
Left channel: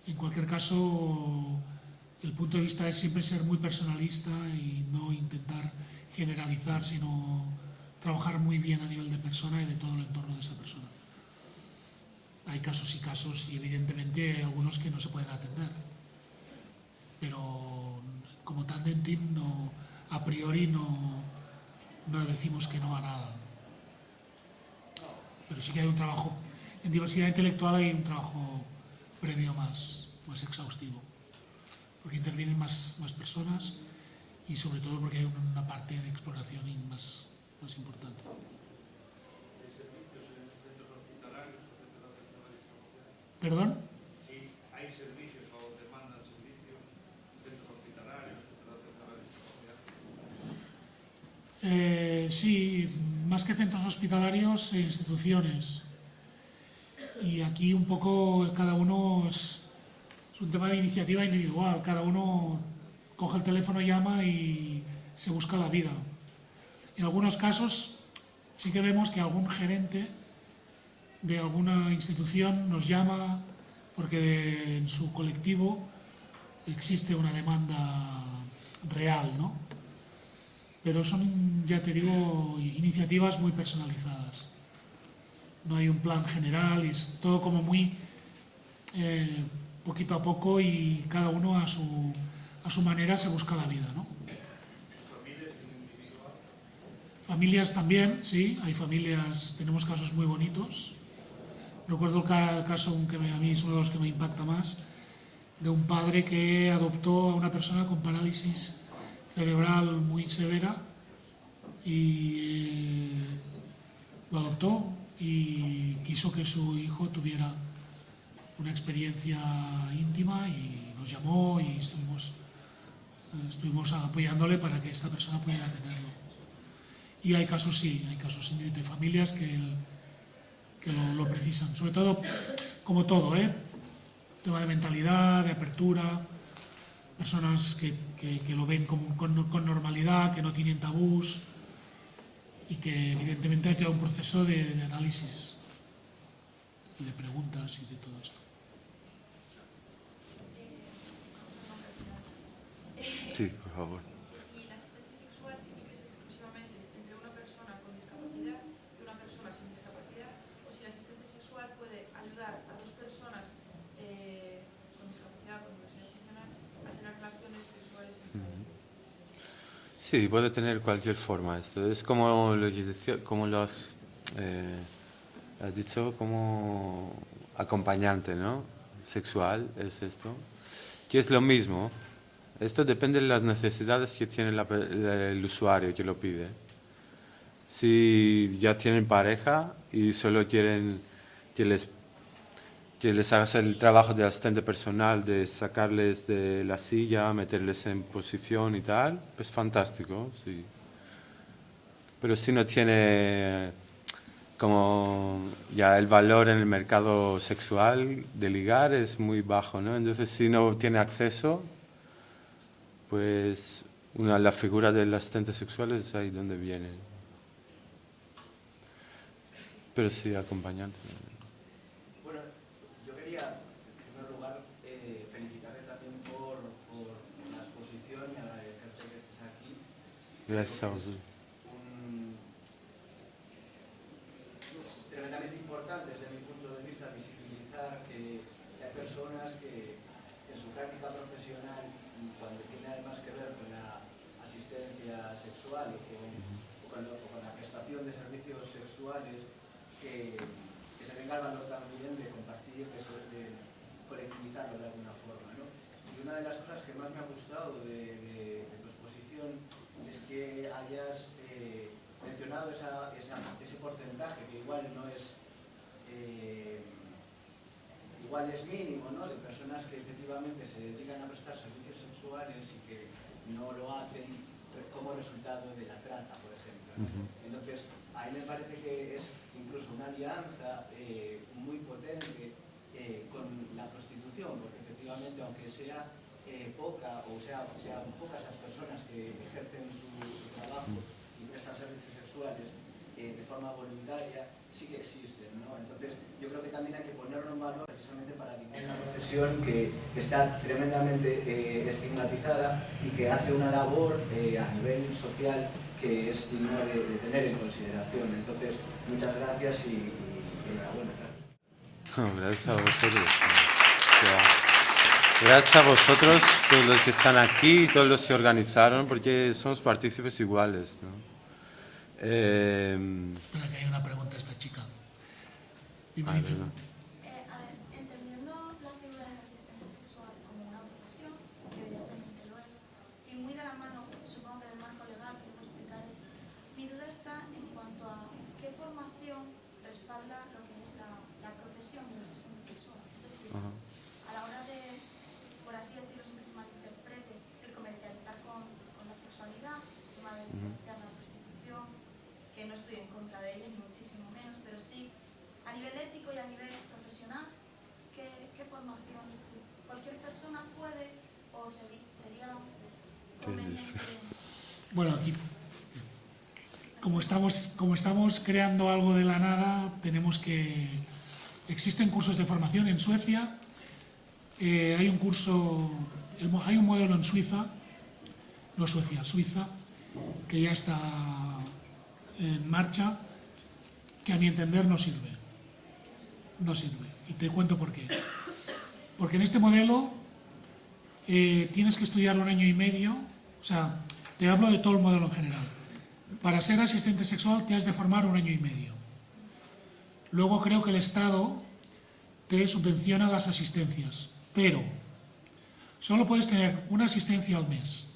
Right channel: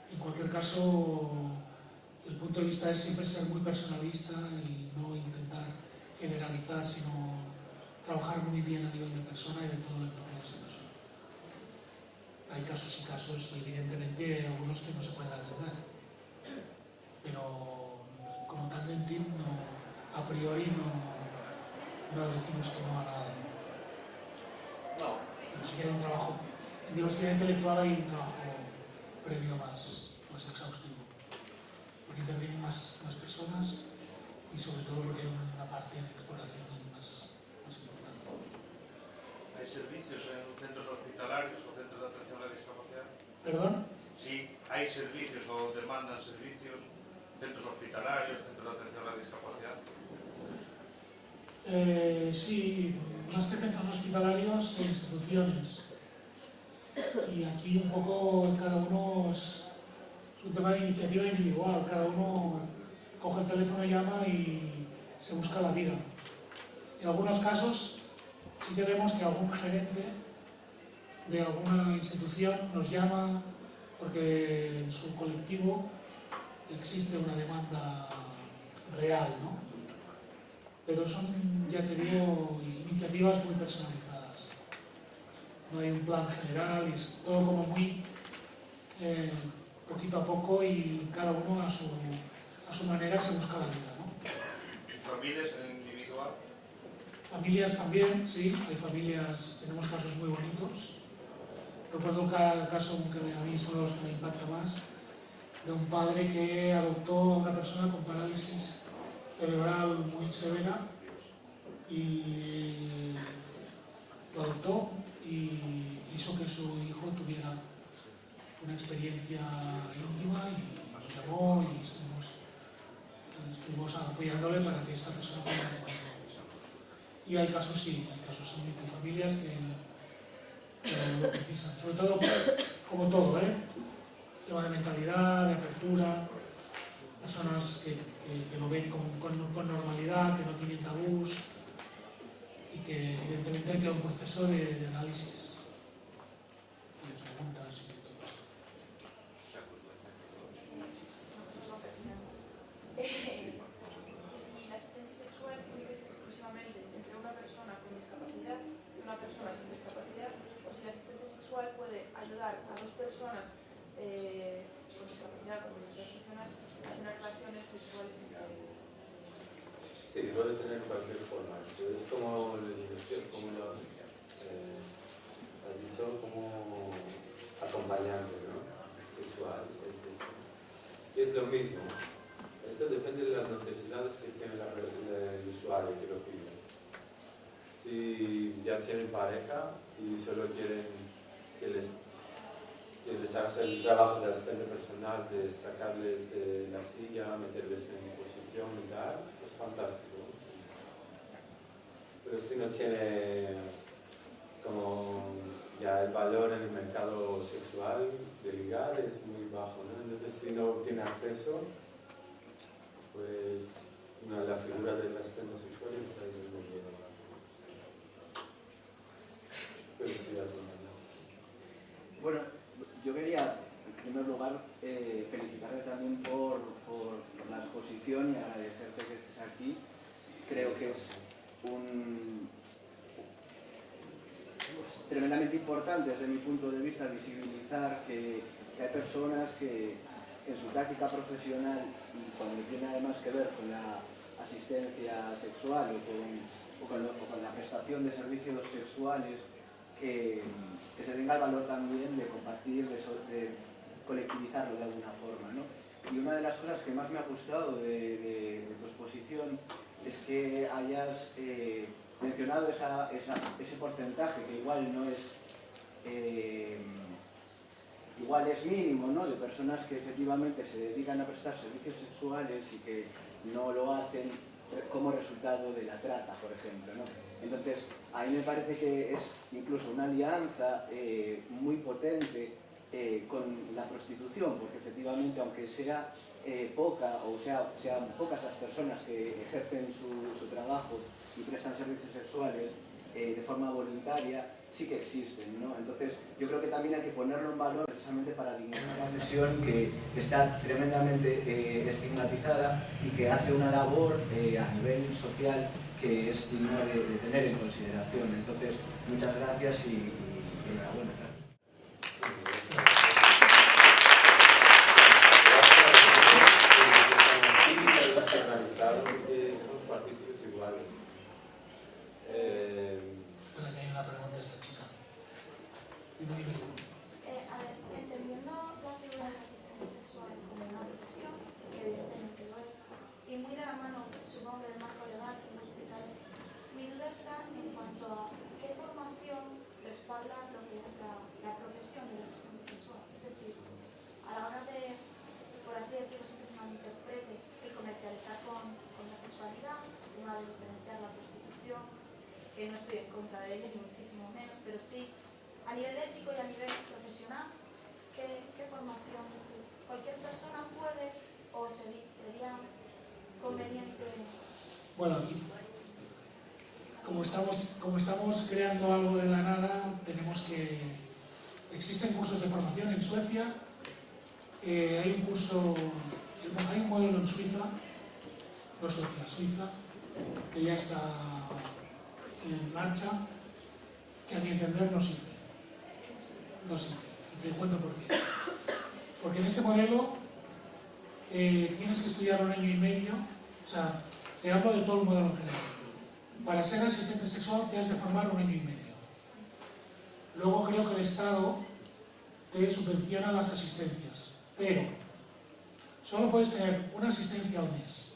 En cualquier caso, el punto de vista es siempre ser muy personalista y no intentar generalizar, sino trabajar muy bien a nivel de persona y de todo el entorno de esa persona. Hay casos y casos y evidentemente hay algunos que no se pueden atender, pero como Tandem a priori no decimos que no a nada. Pero sí que hay un trabajo, en diversidad intelectual hay un trabajo previo más exhaustivo, porque intervienen más personas y sobre todo porque hay una parte de exploración más importante. ¿Hay servicios en centros hospitalarios o centros de atención a la discapacidad? ¿Perdón? Sí, hay servicios o demandan servicios, centros hospitalarios, centros de atención a la discapacidad. Sí, más que centros hospitalarios, instituciones. Y aquí un poco cada uno es un tema de iniciativa individual, cada uno coge el teléfono, llama y se busca la vida. En algunos casos sí que vemos que algún gerente de alguna institución nos llama porque en su colectivo existe una demanda real, ¿no? Pero son, ya te digo, iniciativas muy personalizadas. No hay un plan general, es todo como muy poquito a poco y cada uno a su manera se busca la vida, ¿no? ¿Familias en individual? Familias también, sí, hay familias, tenemos casos muy bonitos. Recuerdo el caso que a mí es uno de los que me impacta más, de un padre que adoptó a una persona con parálisis cerebral muy severa y lo adoptó y quiso que su hijo tuviera una experiencia íntima y nos llamó y estuvimos apoyándole para que esta persona pudiera tenerlo. Y hay casos, sí, hay casos de familias que lo precisan, sobre todo, como todo, tema de mentalidad, de apertura, personas que lo ven con normalidad, que no tienen tabús y que evidentemente hay que un proceso de análisis, de preguntas y de todo esto. Sí, por favor. Si la asistencia sexual tiene que ser exclusivamente entre una persona con discapacidad y una persona sin discapacidad, o si la asistencia sexual puede ayudar a dos personas con discapacidad, con diversidad funcional, a tener relaciones sexuales entre ellos. Sí, puede tener cualquier forma esto. Es como lo que decía, como lo has dicho, como acompañante, ¿no? Sexual es esto. Que es lo mismo. Esto depende de las necesidades que tiene el usuario que lo pide. Si ya tienen pareja y solo quieren que les hagas el trabajo de asistente personal, de sacarles de la silla, meterles en posición y tal, pues fantástico, sí. Pero si no tiene como ya el valor en el mercado sexual de ligar es muy bajo, ¿no? Entonces si no tiene acceso, pues la figura del asistente sexual es ahí donde viene. Pero sí, acompañante. Bueno, yo quería, en primer lugar, felicitarte también por la exposición y agradecerte que estés aquí. Gracias a vosotros. Es tremendamente importante, desde mi punto de vista, visibilizar que hay personas que en su práctica profesional y cuando tiene además que ver con la asistencia sexual o con la prestación de servicios sexuales, que se tenga el valor también de compartir, de colectivizarlo de alguna forma, ¿no? Y una de las cosas que más me ha gustado de tu exposición es que hayas mencionado ese porcentaje, que igual no es igual es mínimo, ¿no?, de personas que efectivamente se dedican a prestar servicios sexuales y que no lo hacen como resultado de la trata, por ejemplo, ¿no? Entonces, a mí me parece que es incluso una alianza muy potente con la prostitución, porque efectivamente, aunque sea poca o sean pocas las personas que ejercen su trabajo y prestan servicios sexuales de forma voluntaria, sí que existen, ¿no? Entonces, yo creo que también hay que ponerlo en valor precisamente para dignificar una profesión que está tremendamente estigmatizada y que hace una labor a nivel social que es digna de tener en consideración. Entonces, muchas gracias y enhorabuena. Gracias a vosotros. Gracias a vosotros, todos los que están aquí y todos los que organizaron, porque somos partícipes iguales, ¿no? Espera, que hay una pregunta a esta chica. Dime. A ver, entendiendo la figura del asistente sexual como una profesión, que evidentemente lo es, y muy de la mano, supongo que del marco legal que lo explicaré, mi duda está en cuanto a qué formación respalda lo que es la profesión del asistente sexual. Es decir, a la hora de, por así decirlo, sin que se malinterprete, el comercializar con la sexualidad, el tema de diferenciar la prostitución, que no estoy en contra de ello, ni muchísimo menos, pero sí a nivel ético y a nivel profesional, ¿qué formación? ¿Cualquier persona puede o sería conveniente? Bueno, aquí, como estamos creando algo de la nada, tenemos que... Existen cursos de formación en Suecia, hay un modelo en Suiza, no Suecia, Suiza, que ya está en marcha, que a mi entender no sirve. No sirve. Y te cuento por qué. Porque en este modelo tienes que estudiar 1 año y medio, o sea, te hablo de todo el modelo en general. Para ser asistente sexual te has de formar 1 año y medio. Luego creo que el Estado te subvenciona las asistencias, pero solo puedes tener una asistencia al mes.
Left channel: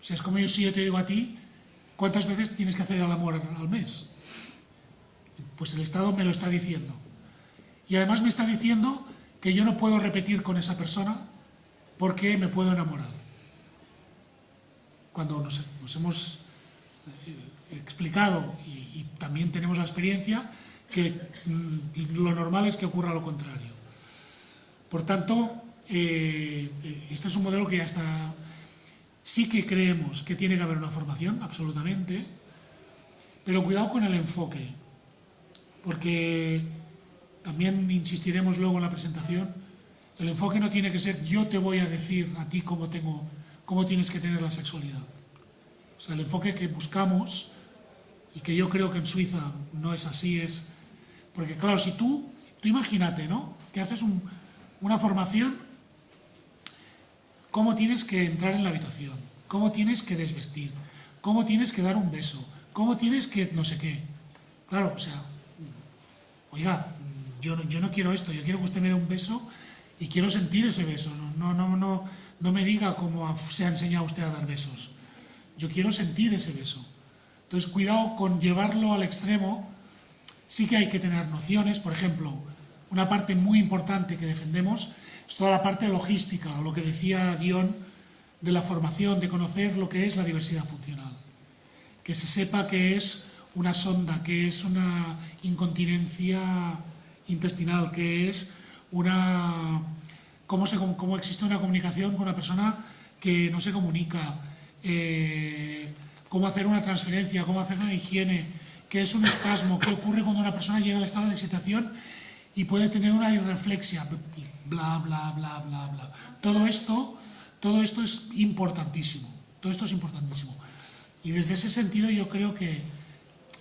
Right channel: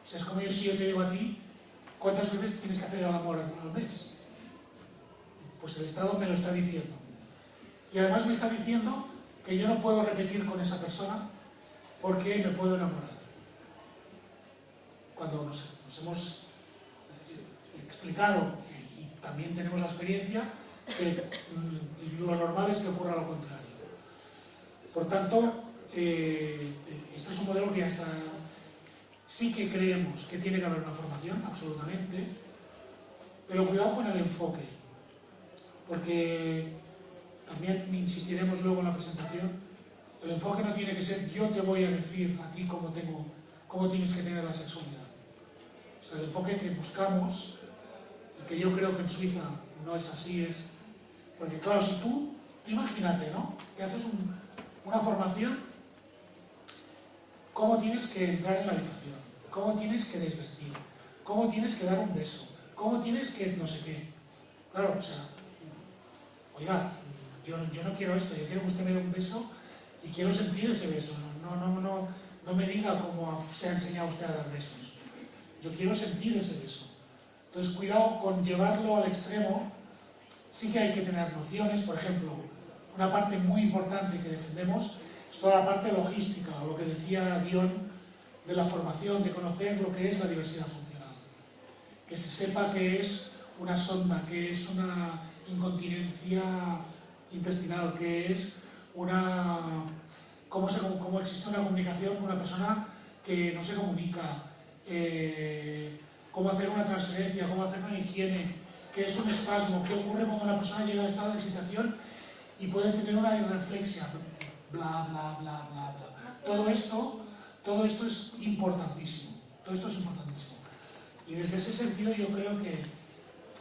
O sea, es como si yo te digo a ti, ¿cuántas veces tienes que hacer el amor al mes? Pues el Estado me lo está diciendo. Y además me está diciendo que yo no puedo repetir con esa persona porque me puedo enamorar. Cuando nos hemos explicado y también tenemos la experiencia que lo normal es que ocurra lo contrario. Por tanto, este es un modelo que ya está... Sí que creemos que tiene que haber una formación, absolutamente, pero cuidado con el enfoque, porque también insistiremos luego en la presentación, el enfoque no tiene que ser yo te voy a decir a ti cómo tienes que tener la sexualidad. O sea, el enfoque que buscamos, y que yo creo que en Suiza no es así, es... Porque claro, si tú imagínate, ¿no?, que haces una formación, cómo tienes que entrar en la habitación, cómo tienes que desvestir, cómo tienes que dar un beso, cómo tienes que no sé qué. Claro, o sea, oiga, yo no quiero esto, yo quiero que usted me dé un beso y quiero sentir ese beso. No me diga cómo se ha enseñado usted a dar besos. Yo quiero sentir ese beso. Entonces, cuidado con llevarlo al extremo. Sí que hay que tener nociones, por ejemplo, una parte muy importante que defendemos es toda la parte logística, o lo que decía Dion de la formación, de conocer lo que es la diversidad funcional. Que se sepa qué es una sonda, qué es una incontinencia intestinal, qué es cómo existe una comunicación con una persona que no se comunica, cómo hacer una transferencia, cómo hacer una higiene, qué es un espasmo, qué ocurre cuando una persona llega al estado de excitación y puede tener una irreflexia, bla, bla, bla, bla, bla. Todo esto es importantísimo, todo esto es importantísimo. Y desde ese sentido yo creo que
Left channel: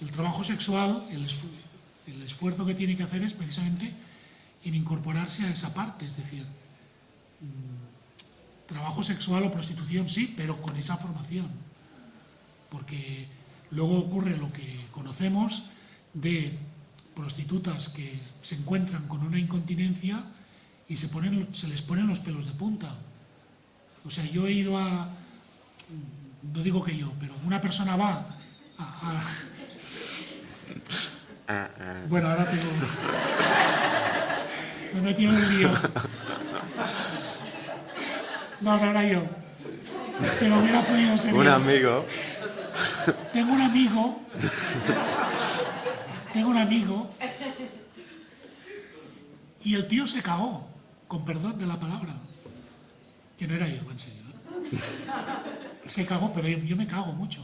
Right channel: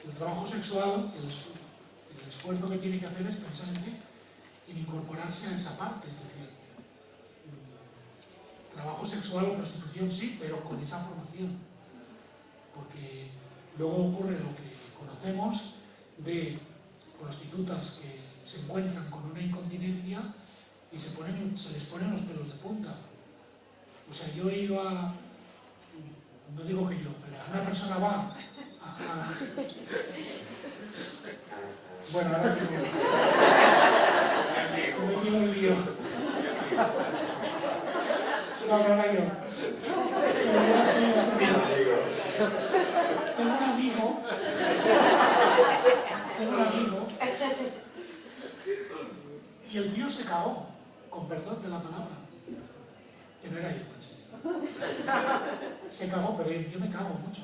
el trabajo sexual, el esfuerzo que tiene que hacer es precisamente en incorporarse a esa parte, es decir, trabajo sexual o prostitución sí, pero con esa formación. porque luego ocurre lo que conocemos de prostitutas que se encuentran con una incontinencia y se les ponen los pelos de punta. O sea, yo he ido a... No digo que yo, pero una persona va a bueno, ahora tengo... Me he metido en el lío. No era yo. Pero hubiera podido ser Un yo. amigo. Tengo un amigo y el tío se cagó, con perdón de la palabra, que no era yo, en serio. Se cagó, pero yo me cago mucho.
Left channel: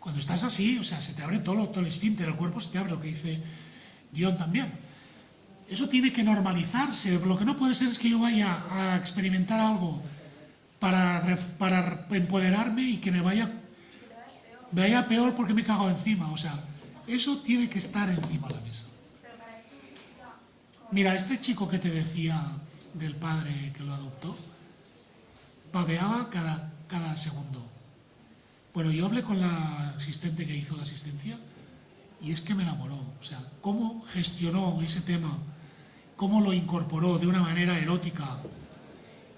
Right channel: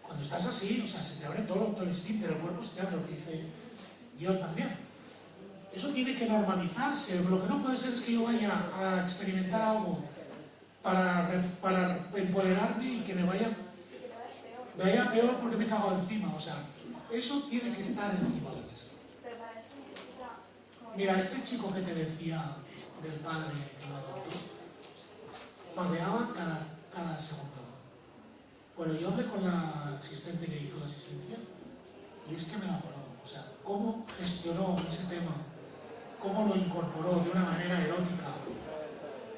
Cuando estás así, o sea, se te abre todo el instinto, el cuerpo se te abre, lo que dice Dion también. Eso tiene que normalizarse. Lo que no puede ser es que yo vaya a experimentar algo para empoderarme y que me vaya peor porque me he cagado encima. O sea, eso tiene que estar encima de la mesa. Mira, este chico que te decía del padre que lo adoptó, babeaba cada segundo. Bueno, yo hablé con la asistente que hizo la asistencia y es que me enamoró. O sea, cómo gestionó ese tema, cómo lo incorporó de una manera erótica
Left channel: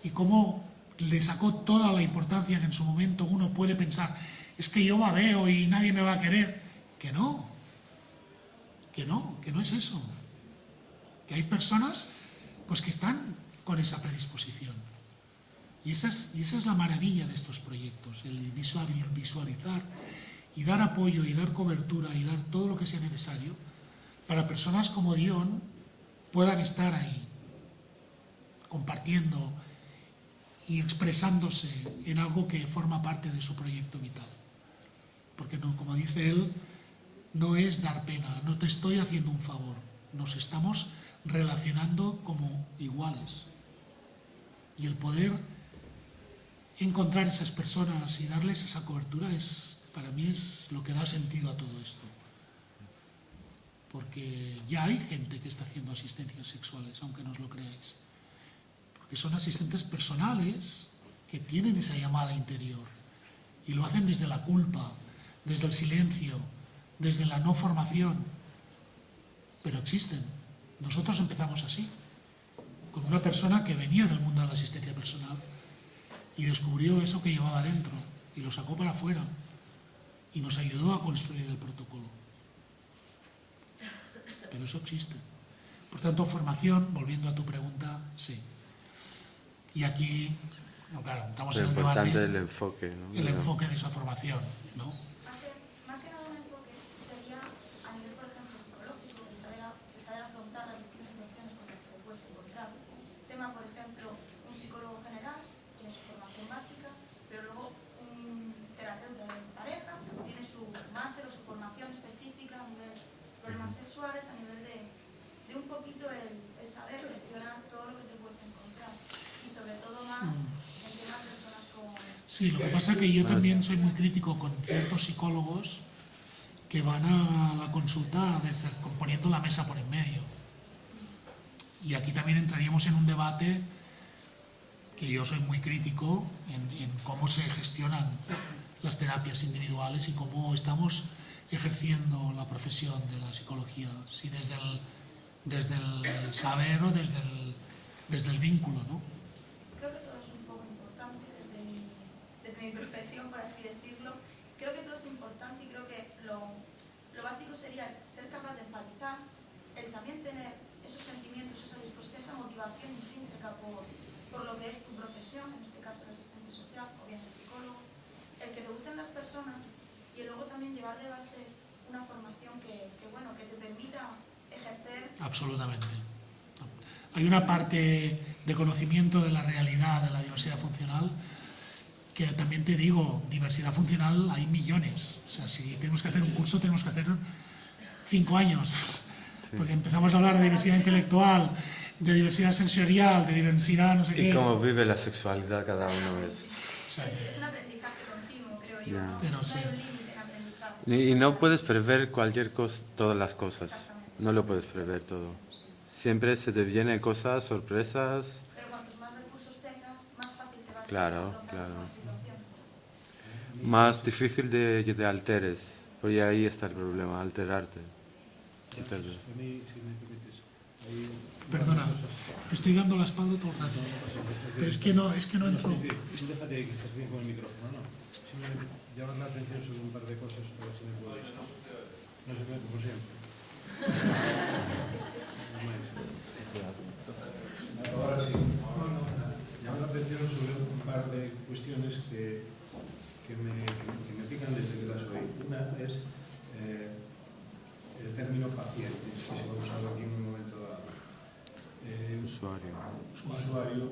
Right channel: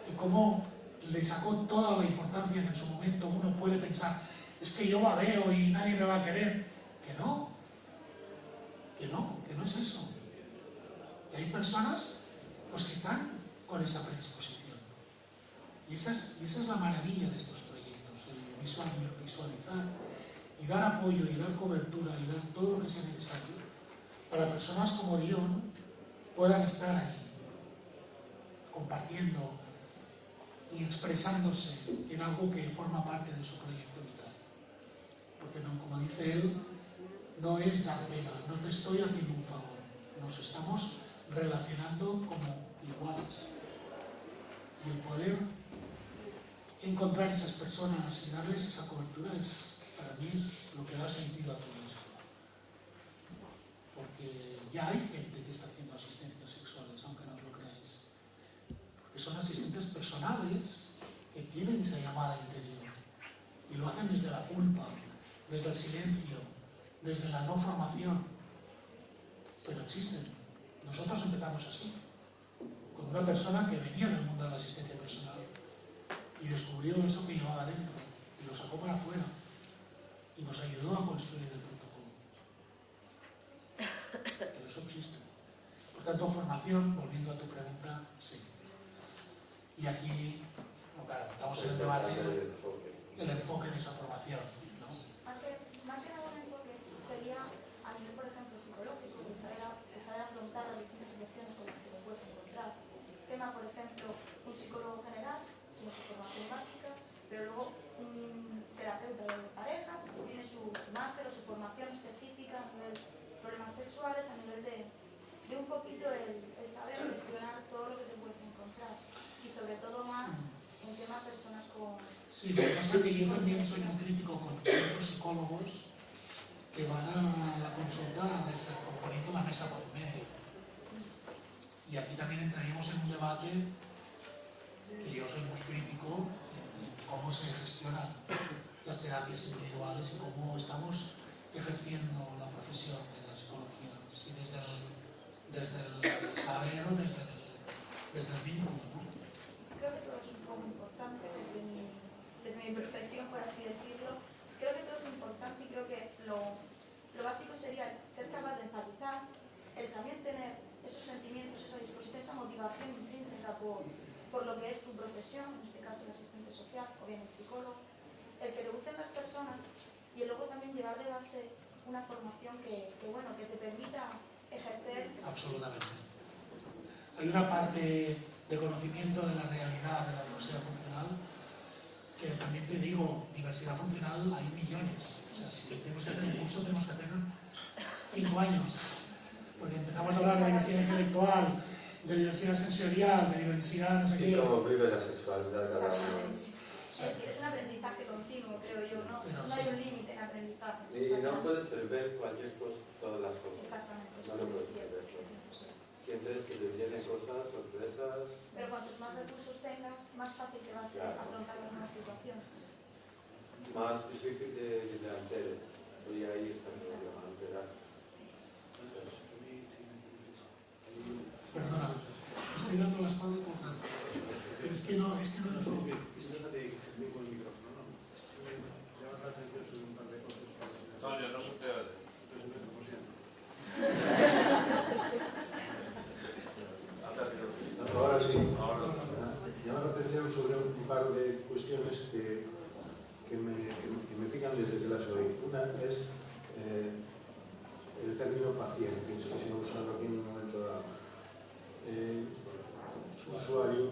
y cómo le sacó toda la importancia que en su momento uno puede pensar, es que yo babeo y nadie me va a querer. Que no es eso. Que hay personas pues que están con esa predisposición. Y esa es la maravilla de estos proyectos, el visualizar y dar apoyo y dar cobertura y dar todo lo que sea necesario para personas como Dion puedan estar ahí, compartiendo y expresándose en algo que forma parte de su proyecto vital. Porque no, como dice él, no es dar pena, no te estoy haciendo un favor, nos estamos relacionando como iguales. Y el poder encontrar esas personas y darles esa cobertura para mí es lo que da sentido a todo esto. Porque ya hay gente que está haciendo asistencias sexuales, aunque no os lo creáis. Porque son asistentes personales que tienen esa llamada interior y lo hacen desde la culpa, desde el silencio, desde la no formación. Pero existen. Nosotros empezamos así, con una persona que venía del mundo de la asistencia personal y descubrió eso que llevaba dentro y lo sacó para afuera y nos ayudó a construir el protocolo. Pero eso existe. Por tanto, formación, volviendo a tu pregunta, sí. Y aquí, no, claro, estamos en el debate, el enfoque, ¿no? El enfoque de esa formación, ¿no? Más que nada un enfoque sería a nivel, por ejemplo, psicológico, de saber afrontar las distintas situaciones con las que te puedes encontrar. Tema, por ejemplo, un psicólogo general tiene su formación básica, pero luego un terapeuta de parejas tiene su máster o su formación específica a nivel de problemas sexuales, a nivel de un poquito el saber gestionar todo lo que te puedes encontrar y sobre todo más en temas personas con... Sí, lo que pasa es que yo también soy muy crítico con ciertos psicólogos que van a la consulta poniendo la mesa por en medio. Y aquí también entraríamos en un debate que yo soy muy crítico en cómo se gestionan las terapias individuales y cómo estamos ejerciendo la profesión de la psicología, si desde el saber o desde el vínculo, ¿no? Creo que todo es un poco importante desde mi profesión, por así decirlo. Creo que todo es importante y creo que lo básico sería ser capaz de empatizar, el también tener esos sentimientos, esa disposición, esa motivación intrínseca por lo que es tu profesión, en este caso el asistente social o bien el psicólogo, el que te gusten las personas y luego también llevar de base una formación que te permita ejercer. Absolutamente. Hay una parte de conocimiento de la realidad de la diversidad funcional que también te digo, diversidad funcional hay millones. O sea, si tenemos que hacer un curso, tenemos que hacer 5 años. Sí. Porque empezamos a hablar de diversidad intelectual, de diversidad sensorial, de diversidad no sé qué. Y cómo vive la sexualidad cada uno. Sí. Es un aprendizaje continuo, creo yo. ¿No? Pero no sí. hay un límite en aprendizaje. Y no puedes prever cualquier cosa, todas las cosas. No lo puedes prever todo. Siempre se te vienen cosas, sorpresas. Pero cuantos más recursos tengas, más fácil te va a ser Claro, afrontar claro. las situaciones. más difícil de alteres, porque ahí está el problema, alterarte. Perdona, te estoy dando la espalda todo el rato. Pero es que no entro. Déjate que estás bien con el micrófono, no. Sí, llamas la atención sobre un par de cosas para el señor. No, yo no se puede. No se puede, como siempre. Ahora sí. Llama la atención sobre un par de cuestiones que me pican desde que las oí. Una es el término paciente, que se ha usado aquí en un momento dado. Usuario,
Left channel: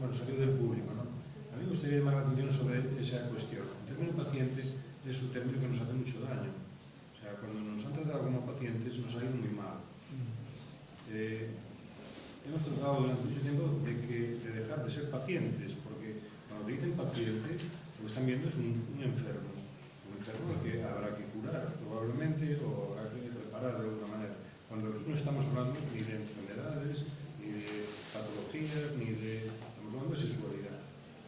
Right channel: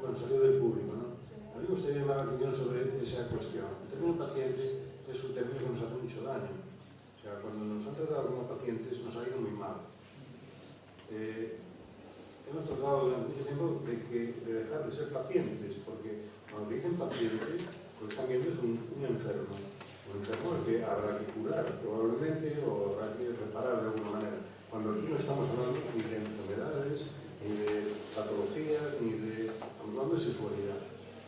bueno, salió del público, ¿no? A mí me gustaría llamar la atención sobre esa cuestión. El término paciente es un término que nos hace mucho daño. O sea, cuando nos han tratado como pacientes nos ha ido muy mal. Hemos tratado durante mucho tiempo de dejar de ser pacientes, porque cuando dicen paciente, lo que están viendo es un enfermo. Un enfermo al que habrá que curar, probablemente, o habrá que reparar de alguna manera. Cuando aquí no estamos hablando ni de enfermedades, ni de patologías, ni de... Estamos hablando de sexualidad,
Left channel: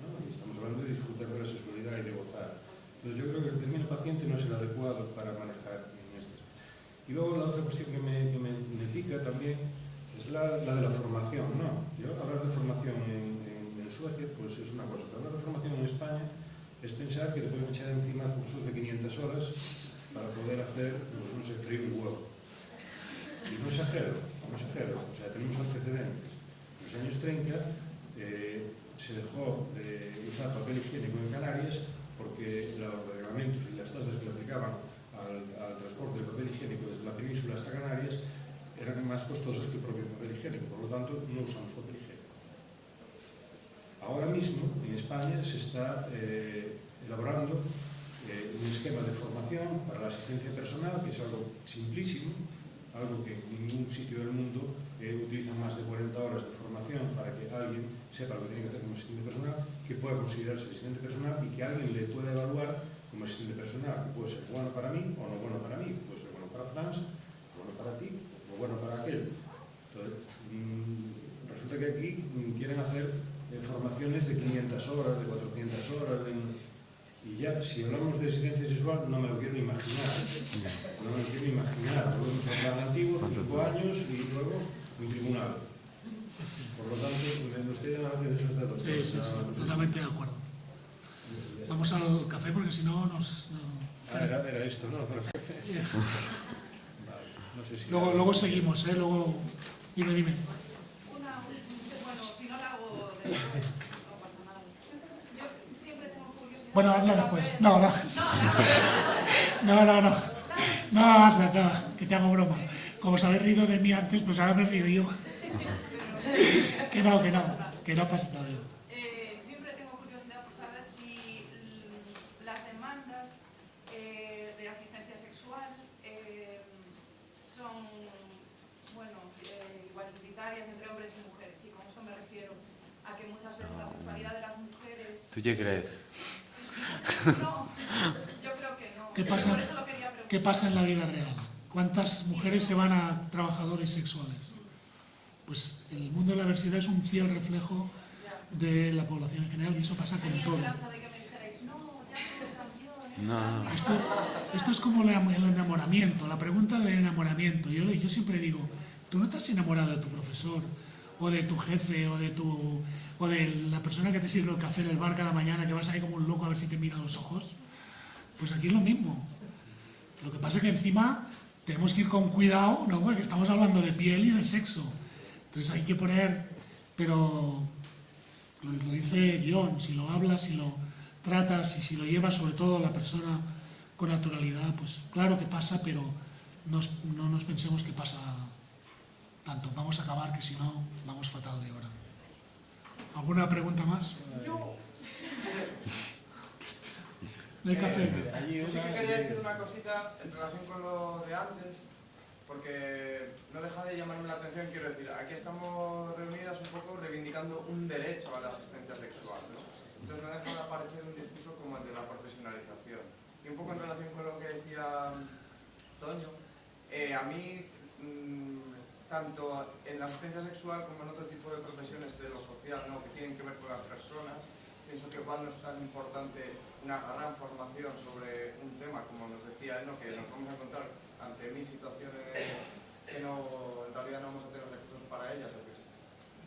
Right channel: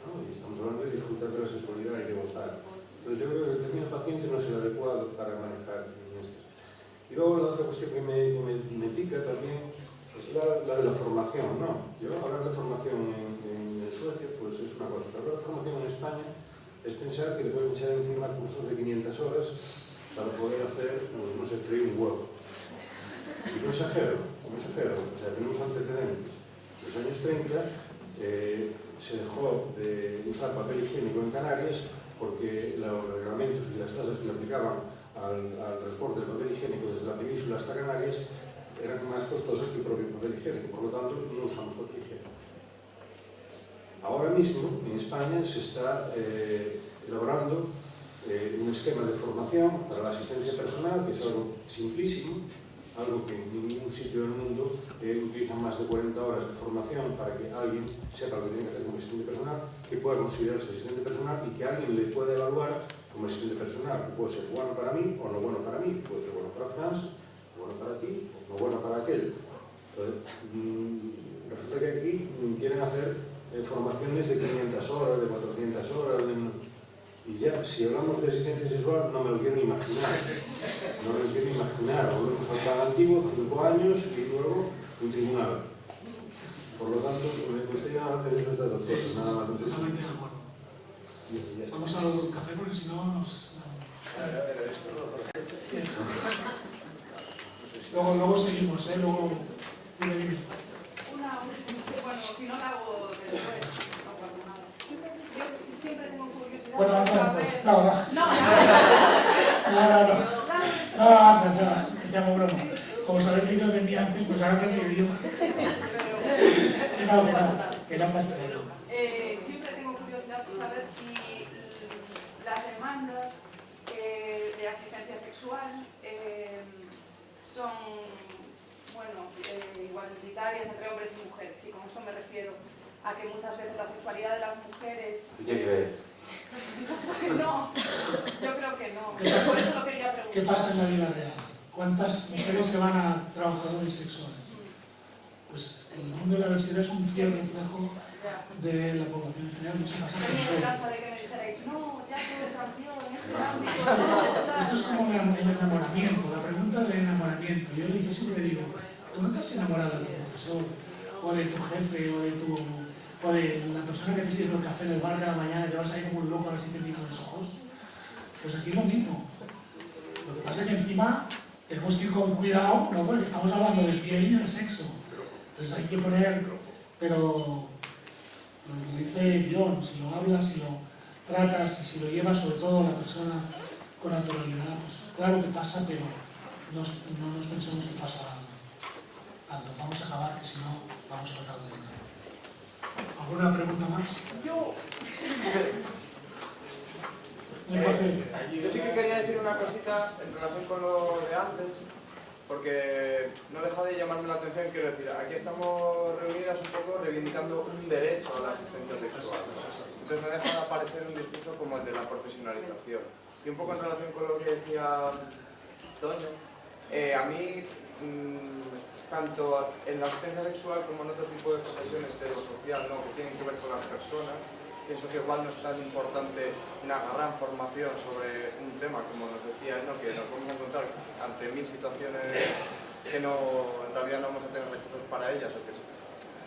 ¿no? Y estamos hablando de disfrutar de la sexualidad y de gozar. Entonces yo creo que el término paciente no es el adecuado para manejar en esto. Y luego la otra cuestión que me pica también es la de la formación, ¿no? Yo hablar de formación en Suecia pues es una cosa, pero hablar de formación en España es pensar que le pueden echar encima cursos de 500 horas para poder hacer, pues no sé, freír un huevo. Y no exagero, o sea, tenemos antecedentes. En los años 30 se dejó de usar papel higiénico en Canarias porque los reglamentos y las tasas que le aplicaban al transporte del papel higiénico desde la península hasta Canarias eran más costosas que el propio papel higiénico, por lo tanto no usamos papel higiénico. Ahora mismo en España se está elaborando un esquema de formación para la asistencia personal, que es algo simplísimo, algo que en ningún sitio del mundo utilizan más de 40 horas de formación para que alguien sepa lo que tiene que hacer como asistente personal, que pueda considerarse asistente personal y que alguien le pueda evaluar como asistente personal. Puede ser bueno para mí o no bueno para mí, puede ser bueno para Franz, bueno para ti o bueno para aquel. Entonces, resulta que aquí quieren hacer formaciones de 500 horas, de 400 horas, y ya, si hablamos de asistencia sexual, no me lo quiero ni imaginar. No me lo quiero imaginar. Volvemos al antiguo, 5 años y luego un tribunal. Por lo tanto, me gustaría llamar la atención de dos cosas, nada más. Totalmente de acuerdo. Vamos al café porque si no nos... Era esto, ¿no? Luego seguimos, luego... Dime. Bueno, si no la hago después, no pasa nada. Yo siempre tengo curiosidad. Bueno, pues no. Nada, que te hago broma. Como se había dicho de mí antes, pues ahora te digo. Que no pasa nada. Siempre tengo curiosidad por saber si las demandas de asistencia sexual son, bueno, igualitarias entre hombres y mujeres. Y con eso me refiero a que muchas veces la sexualidad de las mujeres... ¿Tú qué crees? No, yo creo que no. ¿Qué pasa? Por eso lo quería preguntar. ¿Qué pasa en la vida real? ¿Cuántas mujeres se van a trabajadores sexuales? Pues el mundo de la diversidad es un fiel reflejo de la población en general y eso pasa en Tenía todo. esperanza de que me dijerais, no, ya todo cambió en este ámbito. Esto es como el enamoramiento, la pregunta del enamoramiento. Yo siempre digo, ¿tú no estás enamorado de tu profesor, o de tu jefe, o de la persona que te sirve el café en el bar cada mañana, que vas ahí como un loco a ver si te mira los ojos? Pues aquí es lo mismo. Lo que pasa es que encima tenemos que ir con cuidado, ¿no? Porque estamos hablando de piel y de sexo. Entonces hay que poner, pero lo que dice John, si lo hablas, si lo tratas y si lo llevas sobre todo a la persona con naturalidad, pues claro que pasa, pero no nos pensemos que pasa tanto. Vamos a acabar, que si no vamos fatal de hora. ¿Alguna pregunta más? Yo sí que quería decir una cosita en relación con lo de antes, porque no deja de llamarme la atención. Quiero decir, aquí estamos reunidas un poco reivindicando un derecho a la asistencia sexual. Entonces no deja de aparecer un discurso como el de la profesionalización. Y un poco en relación con lo que decía Toño, a mí, tanto en la asistencia sexual como en otro tipo de profesiones de lo social, ¿no?, que tienen que ver con las personas, que eso que igual no es tan importante una gran formación sobre un tema, como nos decía él, ¿no? Que nos vamos a encontrar ante 1000 situaciones que no, en realidad no vamos a tener recursos para ellas o que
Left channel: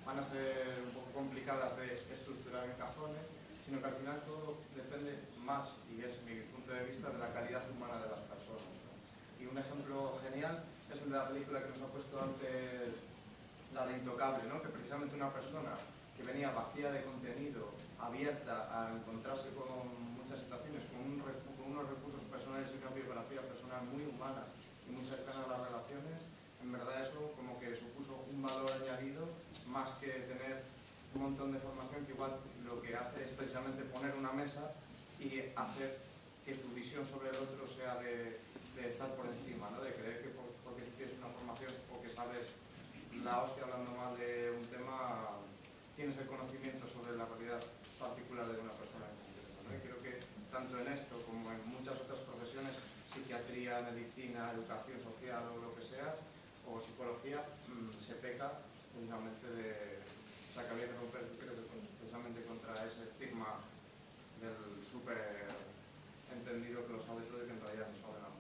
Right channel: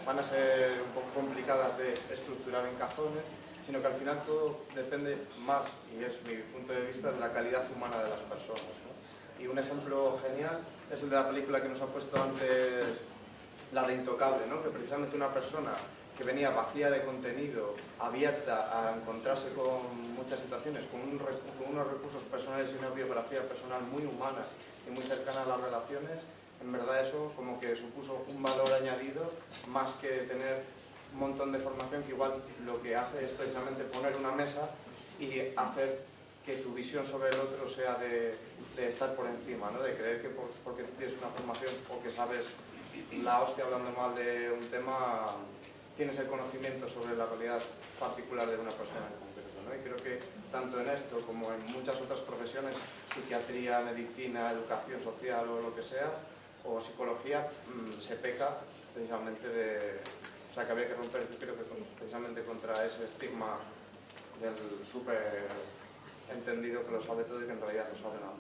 van a ser un poco complicadas de estructurar en cajones, sino que al final todo depende más, y es mi punto de vista, de la calidad humana de las personas, ¿no? Y un ejemplo genial es el de la película que nos ha puesto antes, la de Intocable, ¿no? Que precisamente una persona que venía vacía de contenido, abierta a encontrarse con muchas situaciones, con unos recursos personales y una biografía personal muy humana y muy cercana a las relaciones, en verdad eso como que supuso un valor añadido más que tener un montón de formación que igual lo que hace es precisamente poner una mesa y hacer que tu visión sobre el otro sea de estar por encima, ¿no? De creer que porque tienes una formación o que sabes la hostia hablando mal de un tema, tienes el conocimiento sobre la realidad particular de una persona en concreto, ¿no? Y creo que tanto en esto como en muchas otras profesiones, psiquiatría, medicina, educación social o lo que sea, o psicología, se peca precisamente de... O sea, que habría que romper, creo que precisamente contra ese estigma del súper entendido que lo sabe todo y que en realidad no sabe nada.